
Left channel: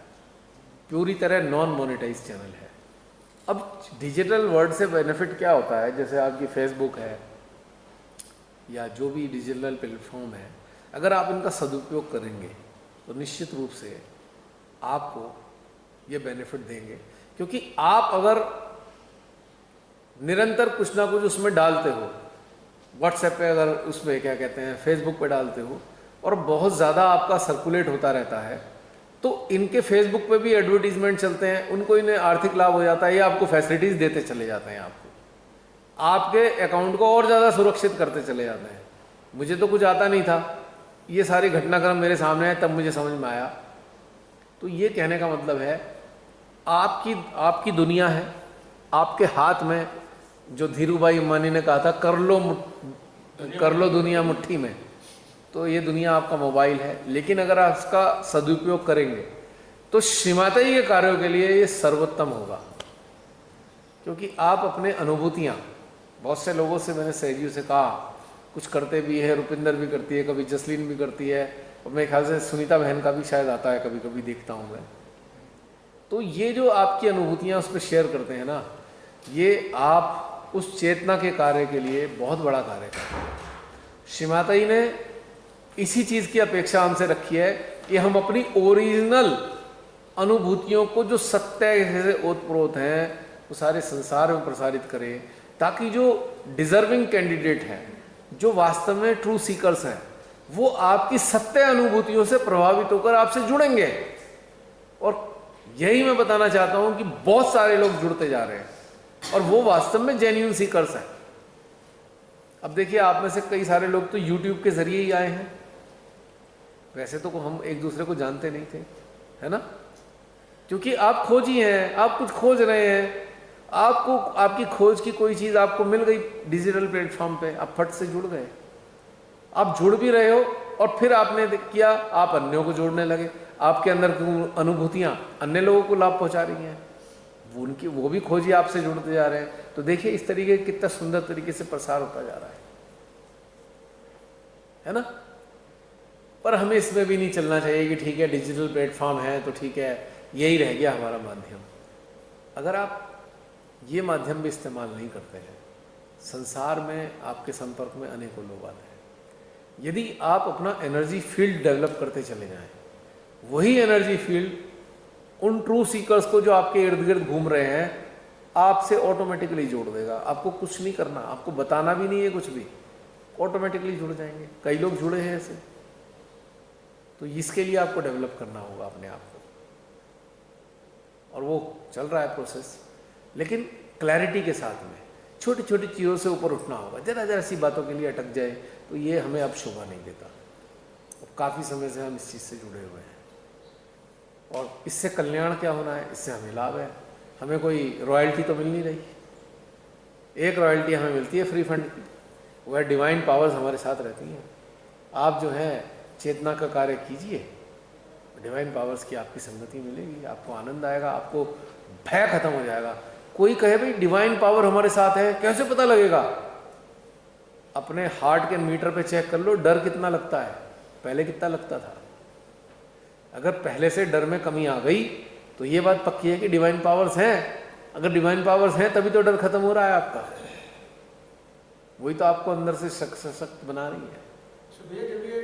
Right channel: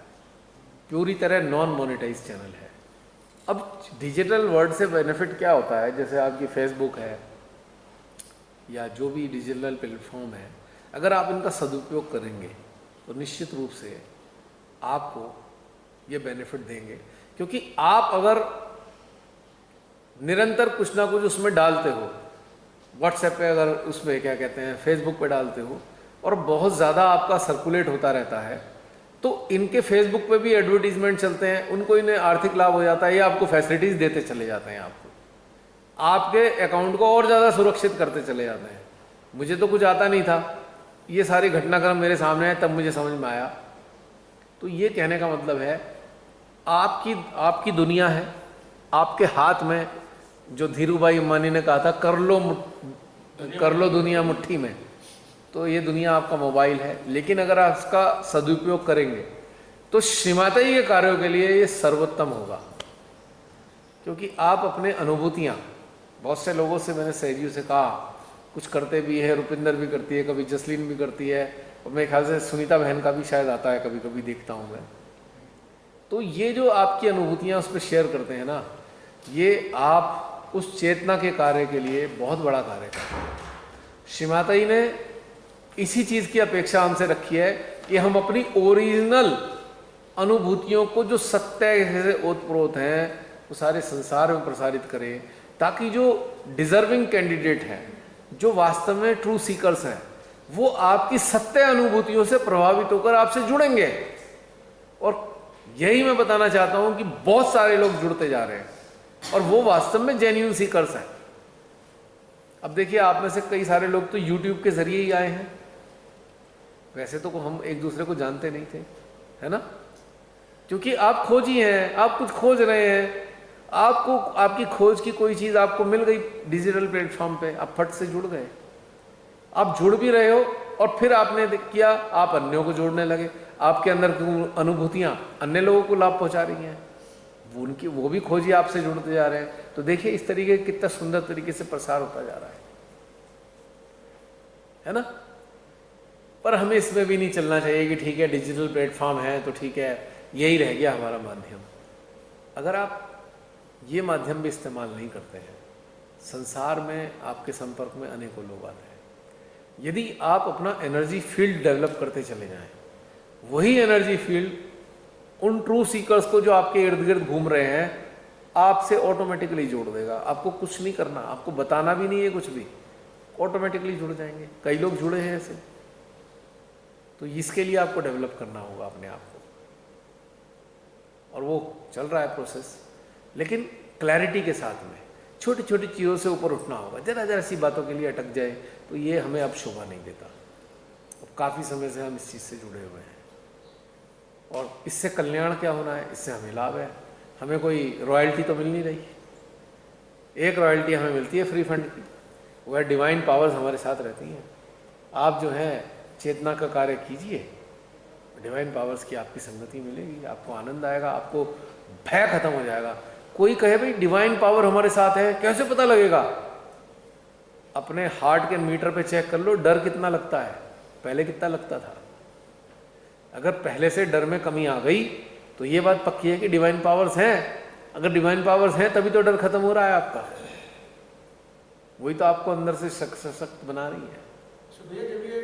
पूरी तरह नॉन मोनेटाइज चैनल है। अब डिजिटल वर्ल्ड से बेनिफिट क्या होता है, जैसे आपकी फेसबुक है या जो भी डिजिटल प्लेटफॉर्म है, अगर आप इनका सदुपयोग करेंगे तो निश्चित रूप से आपको ये बेनिफिट देंगे। क्योंकि आप अगर निरंतर कुछ ना कुछ उसमें डालते हो, व्हाट्सएप पे अगर उसमें क्या कहते हैं फेसबुक पे डालते हो, और बहुत ज़्यादा आपका सर्कुलेट होता रहता है, तो इनके फेसबुक पे भी एडवर्टीजमेंट चलते हैं, उनको इन्हें आर्थिक लाभ हो जाता है, ये आपको फैसिलिटीज़ देते चले जाते हैं, आपके अकाउंट को और ज़्यादा सुरक्षित करते चले जाते हैं। मुझे तो कुछ आता नहीं था, ये सारे घटनाक्रम मेरे सामने आए तब मुझे समझ में आया। तो ये कहने का मतलब है, आपकी दुनिया है आपके हाथ में, जो धीरूभाई अंबानी ने कहा था कर लो दुनिया मुट्ठी में। तो ये दुनिया आपका मोबाइल है, लेकिन अगर आप इसका सदुपयोग करेंगे तो श्रीमाताई के कार्यों के लिए ये सर्वोत्तम होगा। क्योंकि आप अपने अनुभूतियाँ, बहुत से लोगों से मैंने सहजियों से कहा, कुछ करते भी है, रुपिंदर भी करती है, कभी जसलीन भी करती है, और मेरे ख्याल से सुनीता बहन का भी शायद आता है, कभी कभी देखता हूँ मैं। तो ये जो आपकी अनुभूतियाँ उस पर शेयर करते हैं ना, ये आप उस चेतना के कार्य के लिए बहुत बड़ा कार्य करते हैं। श्रीमाताई ने इसी चीज़ की अपेक्षा हमसे रखी है कि हम अपनी ओरिजिनल अनुभूतियों को, जो सत्य से ओतप्रोत हैं, वो सारे संसार में प्रसारित करें, ताकि जो डिजर्विंग कैंडिडेट हैं, जो वास्तव में ट्रू सीकर्स हैं, वो आपकी सत्य अनुभूतियों से प्रभावित होकर आपसे जुड़ेंगे। और यही मैं बताना चाहता हूं कि बहुत सारे लोग जुड़ते जा रहे हैं, और वो वास्तव में जेन्युइन सीकर्स हैं। अब देखिए, आप में से कई सारे लोग तो YouTube के जरिए ही आए हैं, वैसे तो हम एक दूसरे को जानते नहीं थे, है ना, क्योंकि आप खोजी हैं, आप कुछ खोज रहे हैं, आपको आपकी खोज की कोई चीज़ आपको मिल गई डिजिटल प्लेटफॉर्म पे, आप फट से जुड़ गए। आप जुड़ भी रहे हो और फिर आपने किया, आप अन्यों को जोड़ने लगे, आपके अंदर की अनुभूतियाँ अन्य लोगों को लाभ पहुँचा रही हैं, वो भी खोजी आपसे जुड़ते जा रहे हैं। तो देखिए इस तरीके कितना सुंदर तरीके से प्रसार होता जा रहा है ना। पर हमें इसमें भी नहीं चलना चाहिए कि ठीक है डिजिटल प्लेटफॉर्म है तो ठीक है यही रह गया हमारा माध्यम। अगर आप ये माध्यम भी इस्तेमाल नहीं करते हैं, संसार में आपके संपर्क में अनेकों लोग आते हैं। यदि आप अपना एनर्जी फील्ड डेवलप करते चले जाएं, वही एनर्जी फील्ड उन ट्रू सीकर्स को जो आपके इर्द गिर्द घूम रहे हैं आपसे ऑटोमेटिकली जोड़ देगा। आपको कुछ नहीं करना, आपको बताना भी नहीं है कुछ भी, ऑटोमेटिकली जुड़ जाएंगे। कई लोग जुड़े हैं ऐसे। तो इसके लिए आपको डेवलप करना होगा अपने आप को, और वो चल रहा है प्रोसेस, लेकिन क्लैरिटी के साथ में छोटी छोटी चीज़ों से ऊपर उठना होगा। जरा जरा सी बातों के लिए अटक जाए तो ये हमें अब शोभा नहीं देता। अब काफ़ी समय से हम इस चीज़ से जुड़े हुए हैं और इससे कल्याण क्या होना है, इससे हमें लाभ है। हमें कोई रॉयल्टी तो मिल नहीं रही। एक रॉयल्टी हमें मिलती है फ्री फंड की, वह डिवाइन पावर्स हमारे साथ रहती हैं। आप जो है चेतना का कार्य कीजिए, डिवाइन पावर्स की आपकी संगति मिलेगी, आपको आनंद आएगा, आपको भय खत्म हो जाएगा। कोई कहे भाई डिवाइन पावर हमारे साथ है, कैसे पता लगेगा? अपने हार्ट के मीटर पे चेक कर लो, डर कितना लगता है, पहले कितना लगता था। अगर पहले से डर में कमी आ गई तो ये बात पक्की है कि डिवाइन पावर्स हैं। अगर डिवाइन पावर्स हैं तभी तो डर खत्म हो रहा है आपका, वही तो आपको अंदर से सशक्त बना रही है। भैया जब ये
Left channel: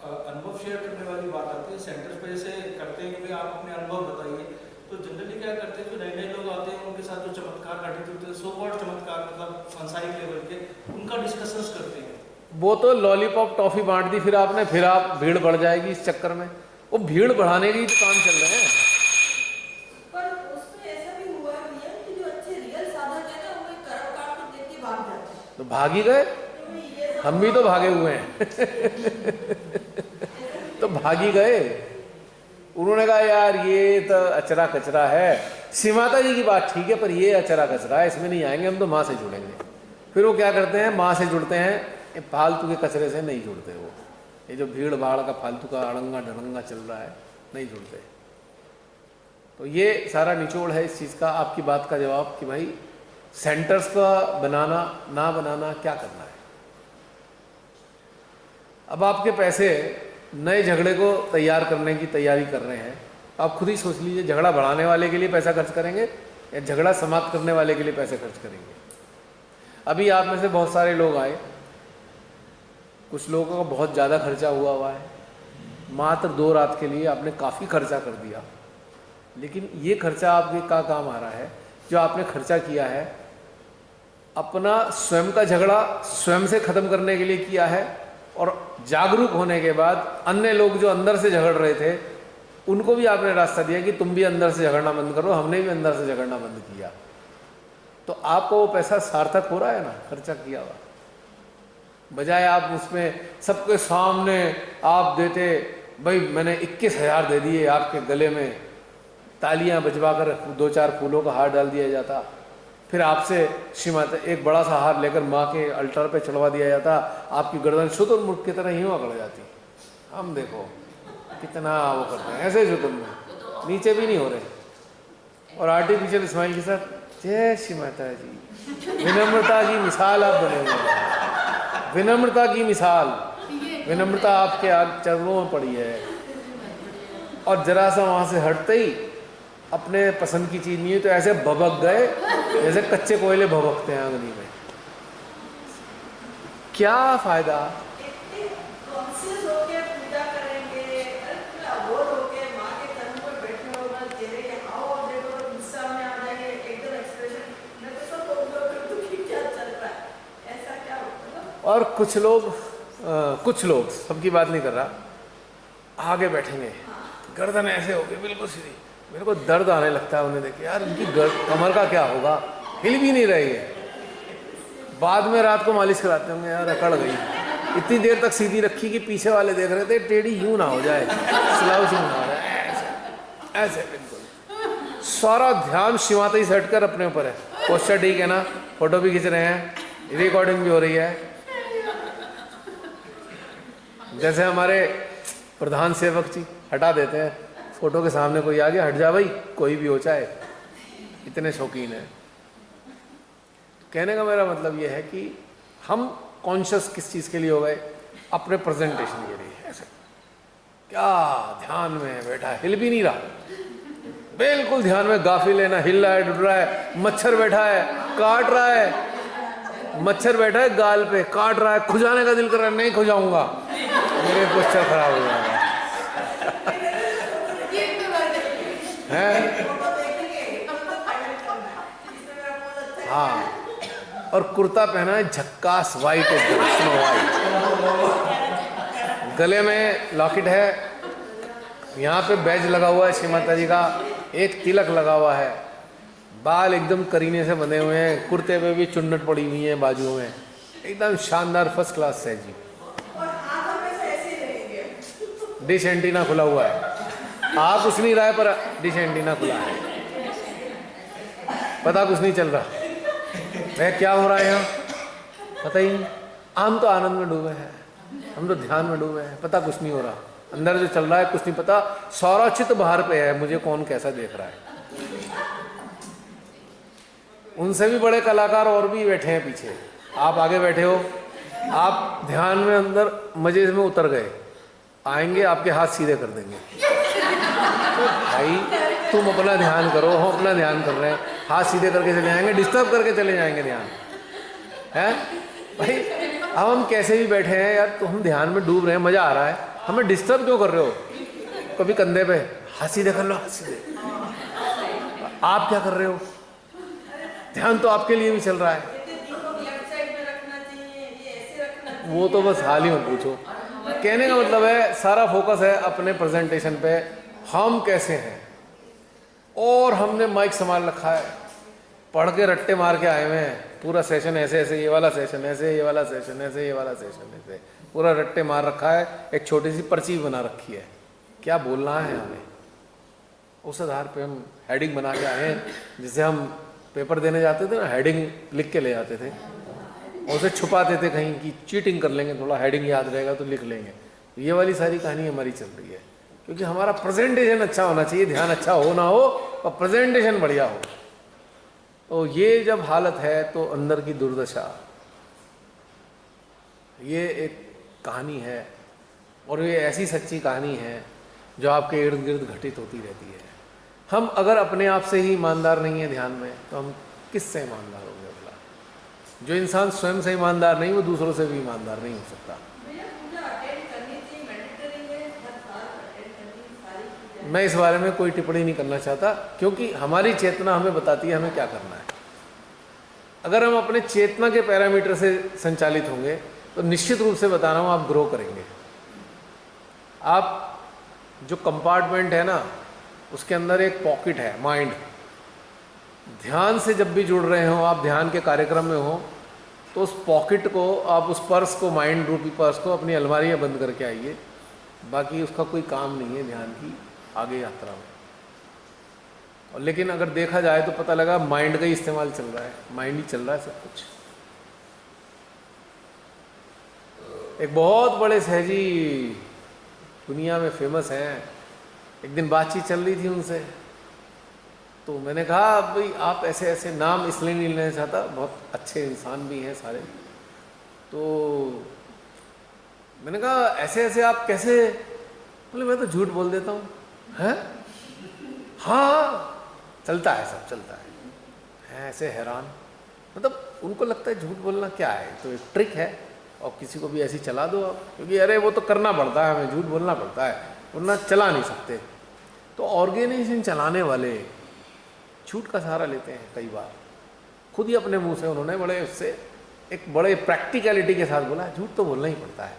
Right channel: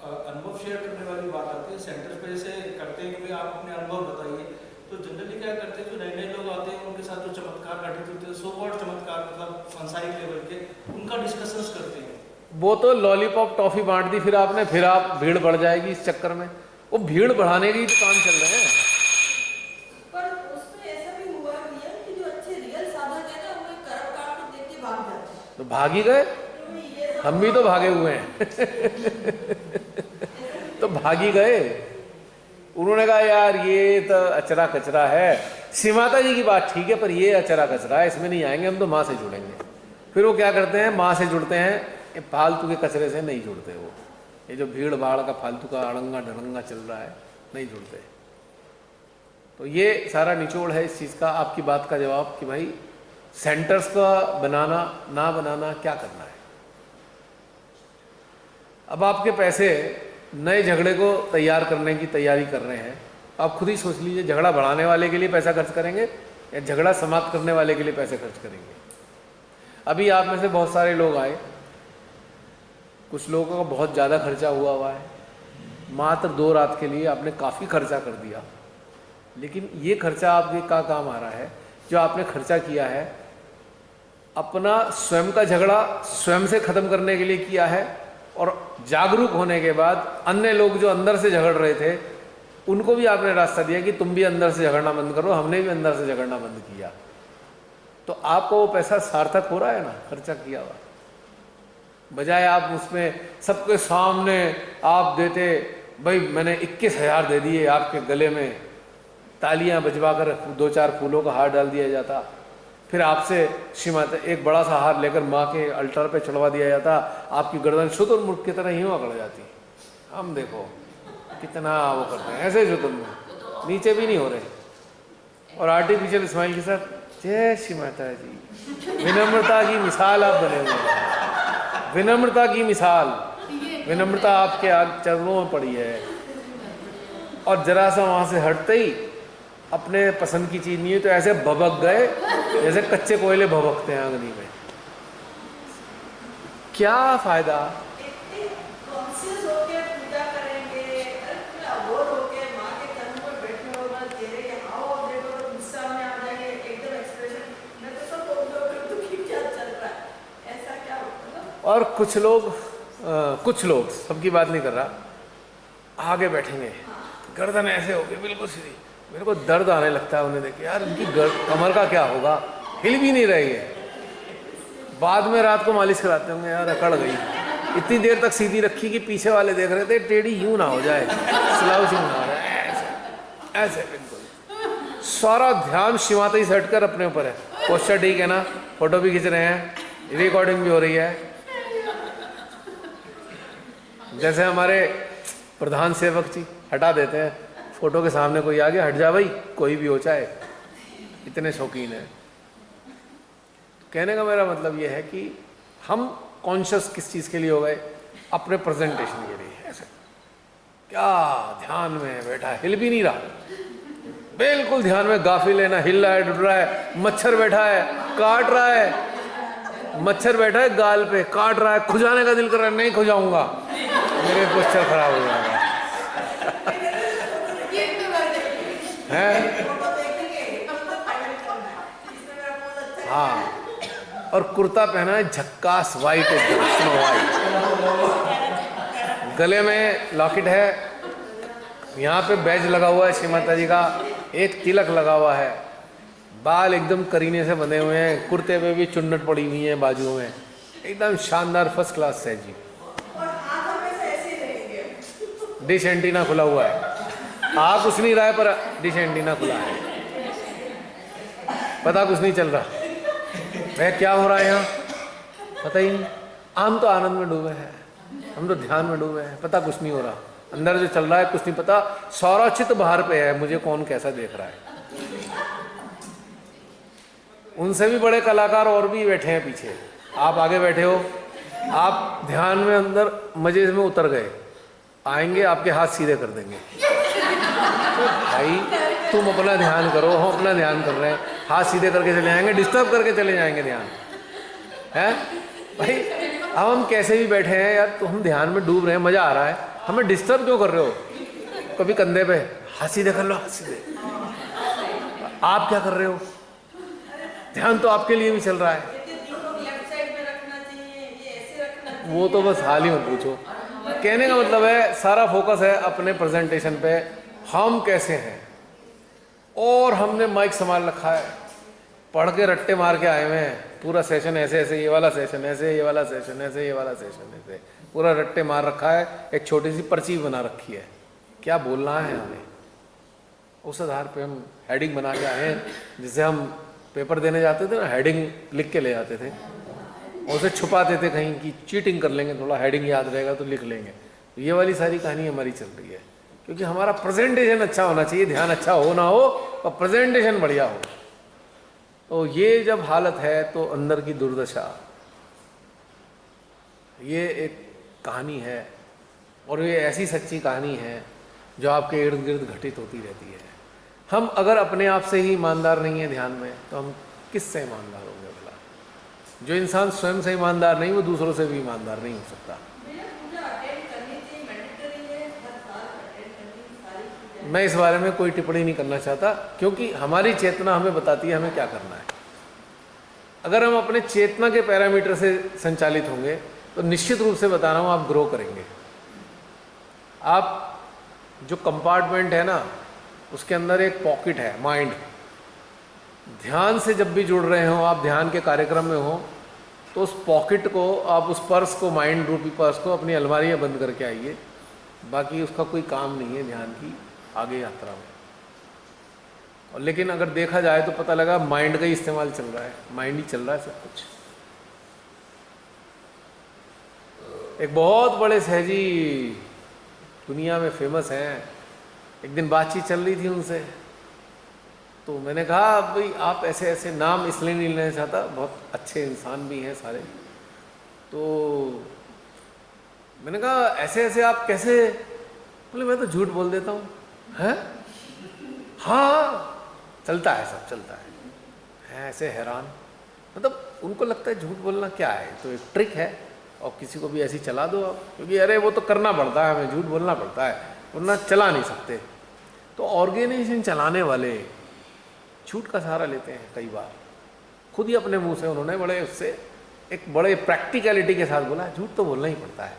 अनुभव शेयर करने वाली बात आती है, सेंटर्स पे से करते हैं कि भाई आप अपने अनुभव बताइए, तो जनरली क्या करते हैं जो नए नए लोग आते हैं उनके साथ जो चमत्कार घटित होते हैं, सो कॉल्ड चमत्कार मतलब सांसारिक लेवल के, उनका डिस्कशंस करते हैं। वो तो लॉलीपॉप टॉफी बांट दी, फिर आप भीड़ बढ़ जाएगी इस चक्कर में। वो भीड़ बढ़ाने के ही तो काम चल रहे हैं। पर उसमें ऐसा भी हुआ भैया कि जो अच्छे रियल साधक है ना, वो करप कांड को देख के भाग जाते हैं। तो भाग ही गए, हम भी तो भागे हुए हैं। तो भाग ही गए। उन्होंने कहा यार ये तो अचरा कचरा है, श्री माता जी की बात ठीक है पर ये अचरा कचरा है, इसमें नहीं आएंगे, हम तो माँ से जुड़ेंगे। फिर वो क्या करते हैं, माँ से जुड़ते हैं, ये फालतू के कचरे से नहीं जुड़ते। वो ये जो भीड़ भाड़ का फालतू का अड़ंगा ढड़ंगा चल रहा है, नहीं जुड़ते। तो ये सारा निचोड़ है इस चीज़ का। आपकी बात का जवाब कि भाई सेंटर्स का बनाना ना बनाना क्या करना है। अब आपके पैसे नए झगड़े को तैयार करने की तैयारी कर रहे हैं, आप खुद ही सोच लीजिए, झगड़ा बढ़ाने वाले के लिए पैसा खर्च करेंगे या झगड़ा समाप्त करने वाले के लिए पैसे खर्च करेंगे। अभी आप में से बहुत सारे लोग आए, कुछ लोगों का बहुत ज़्यादा खर्चा हुआ है, मात्र 2 रात के लिए आपने काफ़ी खर्चा कर दिया। लेकिन ये खर्चा आपके क्या काम आ रहा है? जो आपने खर्चा किया है अपना स्वयं का झगड़ा स्वयं से ख़त्म करने के लिए किया है, और जागरूक होने के बाद अन्य लोग जो अंदर से झगड़ रहे थे उनको भी आपने रास्ता दिया कि तुम भी अंदर से झगड़ना बंद करो, हमने भी अंदर से झगड़ना बंद किया। तो आपको वो पैसा सार्थक हो रहा है ना, खर्चा किया हुआ। बजाय आप उसमें सबके सामने आप देते, भाई मैंने 21,000 दे दिए, आपके गले में तालियां बजवा कर 2-4 फूलों का हार डाल दिया जाता, फिर आपसे श्रीमाता एक बड़ा सा हार लेकर माँ के अल्टर पे चढ़वा दिया जाता, आपकी गर्दन शुतुरमुर्ग की तरह ही अकड़ जाती। हम देखो कितना वो करते हैं, ऐसे शुतुरमुर्ग नीचे भी नहीं हो रहे, और आर्टिफिशियल स्माइल के साथ जय श्री माता जी। विनम्रता की मिसाल आप बने हुए हैं, विनम्रता की मिसाल। विनम्रता आपके चरणों में पड़ी है, और जरा सा वहाँ से हटते ही अपने पसंद की चीज़ नहीं है तो ऐसे भभक गए जैसे कच्चे कोयले भभकते हैं अग्नि में। क्या फ़ायदा? कॉन्शियस होके पूजा करेंगे, अबोध होके माँ के चरणों पर बैठे हो, ना चेहरे के हाव देखो तो गुस्सा में आ जाएंगे, एकदम एक्सप्रेशन मैं तो सब बोल दो कि क्या चल रहा है, ऐसा क्या होता है। और कुछ लोग सबकी बात नहीं कर रहा, आगे बैठेंगे, गर्दन ऐसे होगी बिल्कुल सीधी, मेरे को दर्द आने लगता है उन्हें देख के, यार इनकी कमर का क्या होगा, हिल भी नहीं रही है। बाद में रात को मालिश कराते होंगे, यार अकड़ गई, इतनी देर तक सीधी रखी कि पीछे वाले देख रहे थे टेढ़ी यूं ना हो जाए, स्लाउचिंग ना हो जाए, ऐसे बिल्कुल। सारा ध्यान शिव माता जी से हटकर अपने ऊपर है। पोस्चर ठीक है ना, फोटो भी खींच रहे हैं, रिकॉर्डिंग भी हो रही है। जैसे हमारे प्रधान सेवक जी हटा देते हैं, फोटो के सामने कोई आ गया, हट जा भाई, कोई भी हो चाहे, इतने शौकीन है। कहने का मेरा मतलब ये है कि हम कॉन्शियस किस चीज़ के लिए हो गए? अपने प्रेजेंटेशन के लिए। ऐसे क्या ध्यान में बैठा है, हिल भी नहीं रहा, बिल्कुल ध्यान में गाफिल है ना, हिल रहा है, डुल रहा है। मच्छर बैठा है, काट रहा है, मच्छर बैठा है गाल पे, काट रहा है, खुजाने का दिल कर रहा है, नहीं खुजाऊंगा, मेरे पोस्चर खराब हो जाएगा। है हाँ, और कुर्ता पहना है झक्कास वाइट, एकदम स्नो वाइट, गले में लॉकेट है, यहाँ पे बैज लगा हुआ है श्री माता जी का, एक तिलक लगा हुआ है, बाल एकदम करीने से बंधे हुए हैं, कुर्ते पे भी चुन्नट पड़ी हुई है बाजुओं में, एकदम शानदार फर्स्ट क्लास है जी। डिश एंटीना खुला हुआ है, आ कुछ नहीं रहा है पर डिश एंटीना खुला है, पता कुछ नहीं चल रहा वह क्या हो रहा है यहाँ, पता ही नहीं। हम तो आनंद में डूबे हैं, हम तो ध्यान में डूबे हैं, पता कुछ नहीं हो रहा, अंदर जो चल रहा है कुछ नहीं पता, सारा चित्त बाहर पे है, मुझे कौन कैसा देख रहा है। उनसे भी बड़े कलाकार और भी बैठे हैं पीछे, आप आगे बैठे हो, आप ध्यान में अंदर मजे में उतर गए, आएंगे आपके हाथ सीधे कर देंगे, तो भाई तुम अपना ध्यान करो, हम अपना ध्यान कर रहे हैं, हाथ सीधे करके चले जाएंगे, डिस्टर्ब करके चले जाएंगे ध्यान है भाई। अब हम कैसे भी बैठे हैं यार, तो हम ध्यान में डूब रहे हैं, मजा आ रहा है, हमें डिस्टर्ब क्यों कर रहे हो? कभी कंधे पे हाथ सीधे कर लो, हाथ सीधे, आप क्या कर रहे हो? ध्यान तो आपके लिए भी चल रहा है, वो तो बस हाल ही मत पूछो। कहने का मतलब है सारा फोकस है अपने प्रेजेंटेशन पे, हम कैसे हैं, और हमने माइक संभाल रखा है, पढ़ के रट्टे मार के आए हुए हैं, पूरा सेशन ऐसे ऐसे, ये वाला सेशन ऐसे, ये वाला सेशन ऐसे, ये वाला सेशन ऐसे, पूरा रट्टे मार रखा है, एक छोटी सी पर्ची बना रखी है, क्या बोलना है हमें, उस आधार पे हम हेडिंग बना के आए हैं। जिसे हम पेपर देने जाते थे ना, हेडिंग लिख के ले जाते थे, और उसे छुपाते थे कहीं कि चीटिंग कर लेंगे, थोड़ा हेडिंग याद रहेगा तो लिख लेंगे। तो ये वाली सारी कहानी हमारी चल रही है, क्योंकि हमारा प्रेजेंटेशन अच्छा होना चाहिए, ध्यान अच्छा हो ना हो और प्रेजेंटेशन बढ़िया हो। तो ये जब हालत है तो अंदर की दुर्दशा, ये एक कहानी है, और ये ऐसी सच्ची कहानी है जो आपके इर्द गिर्द घटित होती रहती है। हम अगर अपने आप से ही ईमानदार नहीं है ध्यान में, तो हम किससे ईमानदार होंगे भला? जो इंसान स्वयं से ईमानदार नहीं, वो दूसरों से भी ईमानदार नहीं हो सकता। मैं इस बारे में कोई टिप्पणी नहीं करना चाहता, क्योंकि हमारी चेतना हमें बताती है हमें क्या करना है। अगर हम अपने चेतना के पैरामीटर से संचालित होंगे तो निश्चित रूप से बता रहा हूँ आप ग्रो करेंगे। आप जो कंपार्टमेंट है ना, उसके अंदर एक पॉकेट है माइंड, ध्यान से जब भी जुड़ रहे हो, आप ध्यान के कार्यक्रम में हो, तो उस पॉकेट को, आप उस पर्स को, माइंड रूपी पर्स को अपनी अलमारी में बंद करके आइए, बाकी उसका कोई काम नहीं है ध्यान की आगे यात्रा में। और लेकिन अगर देखा जाए तो पता लगा माइंड का ही इस्तेमाल चल रहा है, माइंड ही चल रहा है सब कुछ। एक बहुत बड़े सहजी दुनिया में फेमस हैं, एक दिन बातचीत चल रही थी उनसे, तो मैंने कहा भाई आप ऐसे ऐसे, नाम इसलिए नहीं लेना चाहता, बहुत अच्छे इंसान भी हैं सारे, तो मैंने कहा ऐसे ऐसे आप कैसे? बोले मैं तो झूठ बोल देता हूँ। हैं? हाँ चलता है, सब चलता है ऐसे हैरान, मतलब उनको लगता है झूठ बोलना क्या है, तो एक ट्रिक है, और किसी को भी ऐसी चला दो आप, क्योंकि अरे वो तो करना पड़ता है, हमें झूठ बोलना पड़ता है, वरना चला नहीं सकते। तो ऑर्गेनाइजेशन चलाने वाले झूठ का सहारा लेते हैं कई बार, खुद ही अपने मुंह से उन्होंने बड़े उससे एक बड़े प्रैक्टिकलिटी के साथ बोला झूठ तो बोलना ही पड़ता है,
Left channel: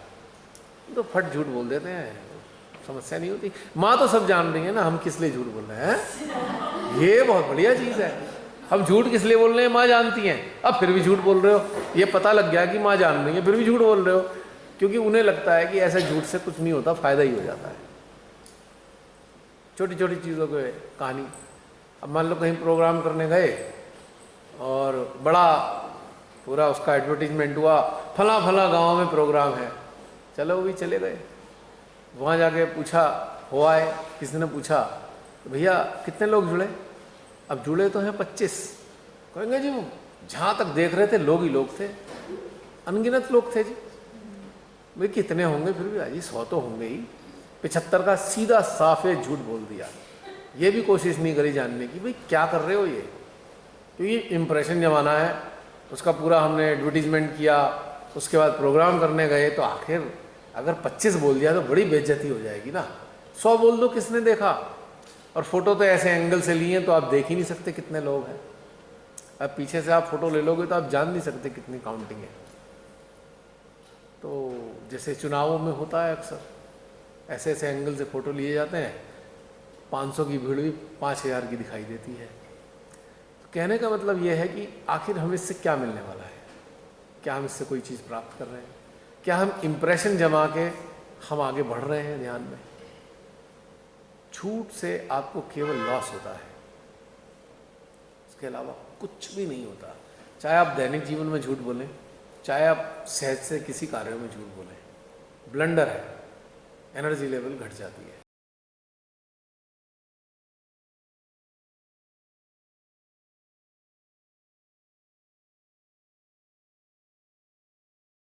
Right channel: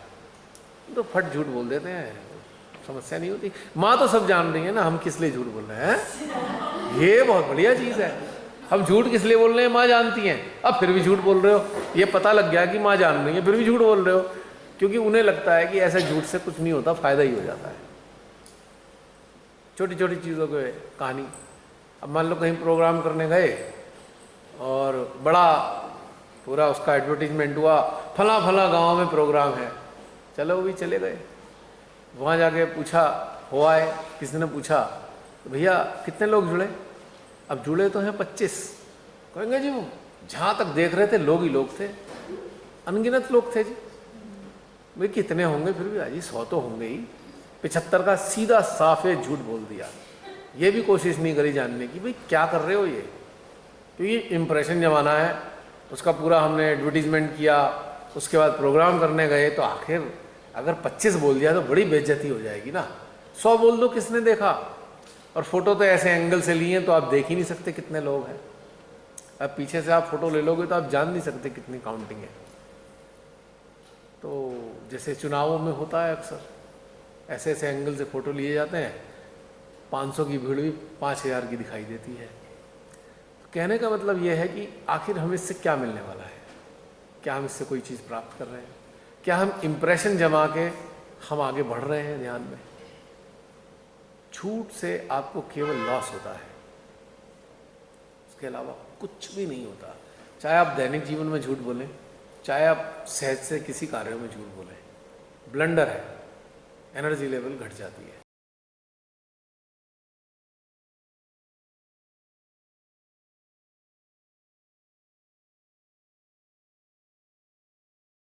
तो फट झूठ बोल देते हैं, समस्या नहीं होती। माँ तो सब जान रही है ना हम किस लिए झूठ बोल रहे हैं, ये बहुत बढ़िया चीज़ है। हम झूठ किस लिए बोल रहे हैं माँ जानती हैं, अब फिर भी झूठ बोल रहे हो, ये पता लग गया कि माँ जान रही है, फिर भी झूठ बोल रहे हो, क्योंकि उन्हें लगता है कि ऐसा झूठ से कुछ नहीं होता, फायदा ही हो जाता है। छोटी छोटी चीज़ों की कहानी, अब मान लो कहीं प्रोग्राम करने गए और बड़ा पूरा उसका एडवर्टीजमेंट हुआ, फला फला गांव में प्रोग्राम है। चलो वो भी चले गए। वहाँ जाके पूछा, हुआ है, किसी ने पूछा तो भैया कितने लोग जुड़े? अब जुड़े तो हैं 25। कहेंगे जी वो जहाँ तक देख रहे थे लोग ही लोग थे, अनगिनत लोग थे जी। भाई कितने होंगे फिर भी अजी 100 तो होंगे ही। 75 का सीधा साफे झूठ बोल दिया। ये भी कोशिश नहीं करी जानने की भाई क्या कर रहे हो ये, क्योंकि इम्प्रेशन जमाना है। उसका पूरा हमने एडवर्टीजमेंट किया, उसके बाद प्रोग्राम करने गए तो आखिर अगर 25 बोल दिया तो बड़ी बेइज्जती हो जाएगी ना। 100 बोल दो, किसने देखा? और फोटो तो ऐसे एंगल से लिए तो आप देख ही नहीं सकते कितने लोग हैं। अब पीछे से आप फोटो ले लोगे तो आप जान नहीं सकते कितनी काउंटिंग है। तो जैसे चुनावों में होता है अक्सर ऐसे ऐसे एंगल से फोटो लिए जाते हैं, 500 की भीड़ भी 5000 की दिखाई देती है। तो कहने का मतलब यह है कि आखिर हमें इससे क्या मिलने वाला है? क्या हम इससे कोई चीज़ प्राप्त कर रहे हैं? क्या हम इम्प्रेशन जमा के हम आगे बढ़ रहे हैं ध्यान में? झूठ से आपको केवल लॉस होता है, उसके अलावा कुछ भी नहीं होता। चाहे आप दैनिक जीवन में झूठ बोलें, चाहे आप सहज से किसी कार्य में झूठ बोलें, ब्लंडर है, एनर्जी लेवल घट जाती है।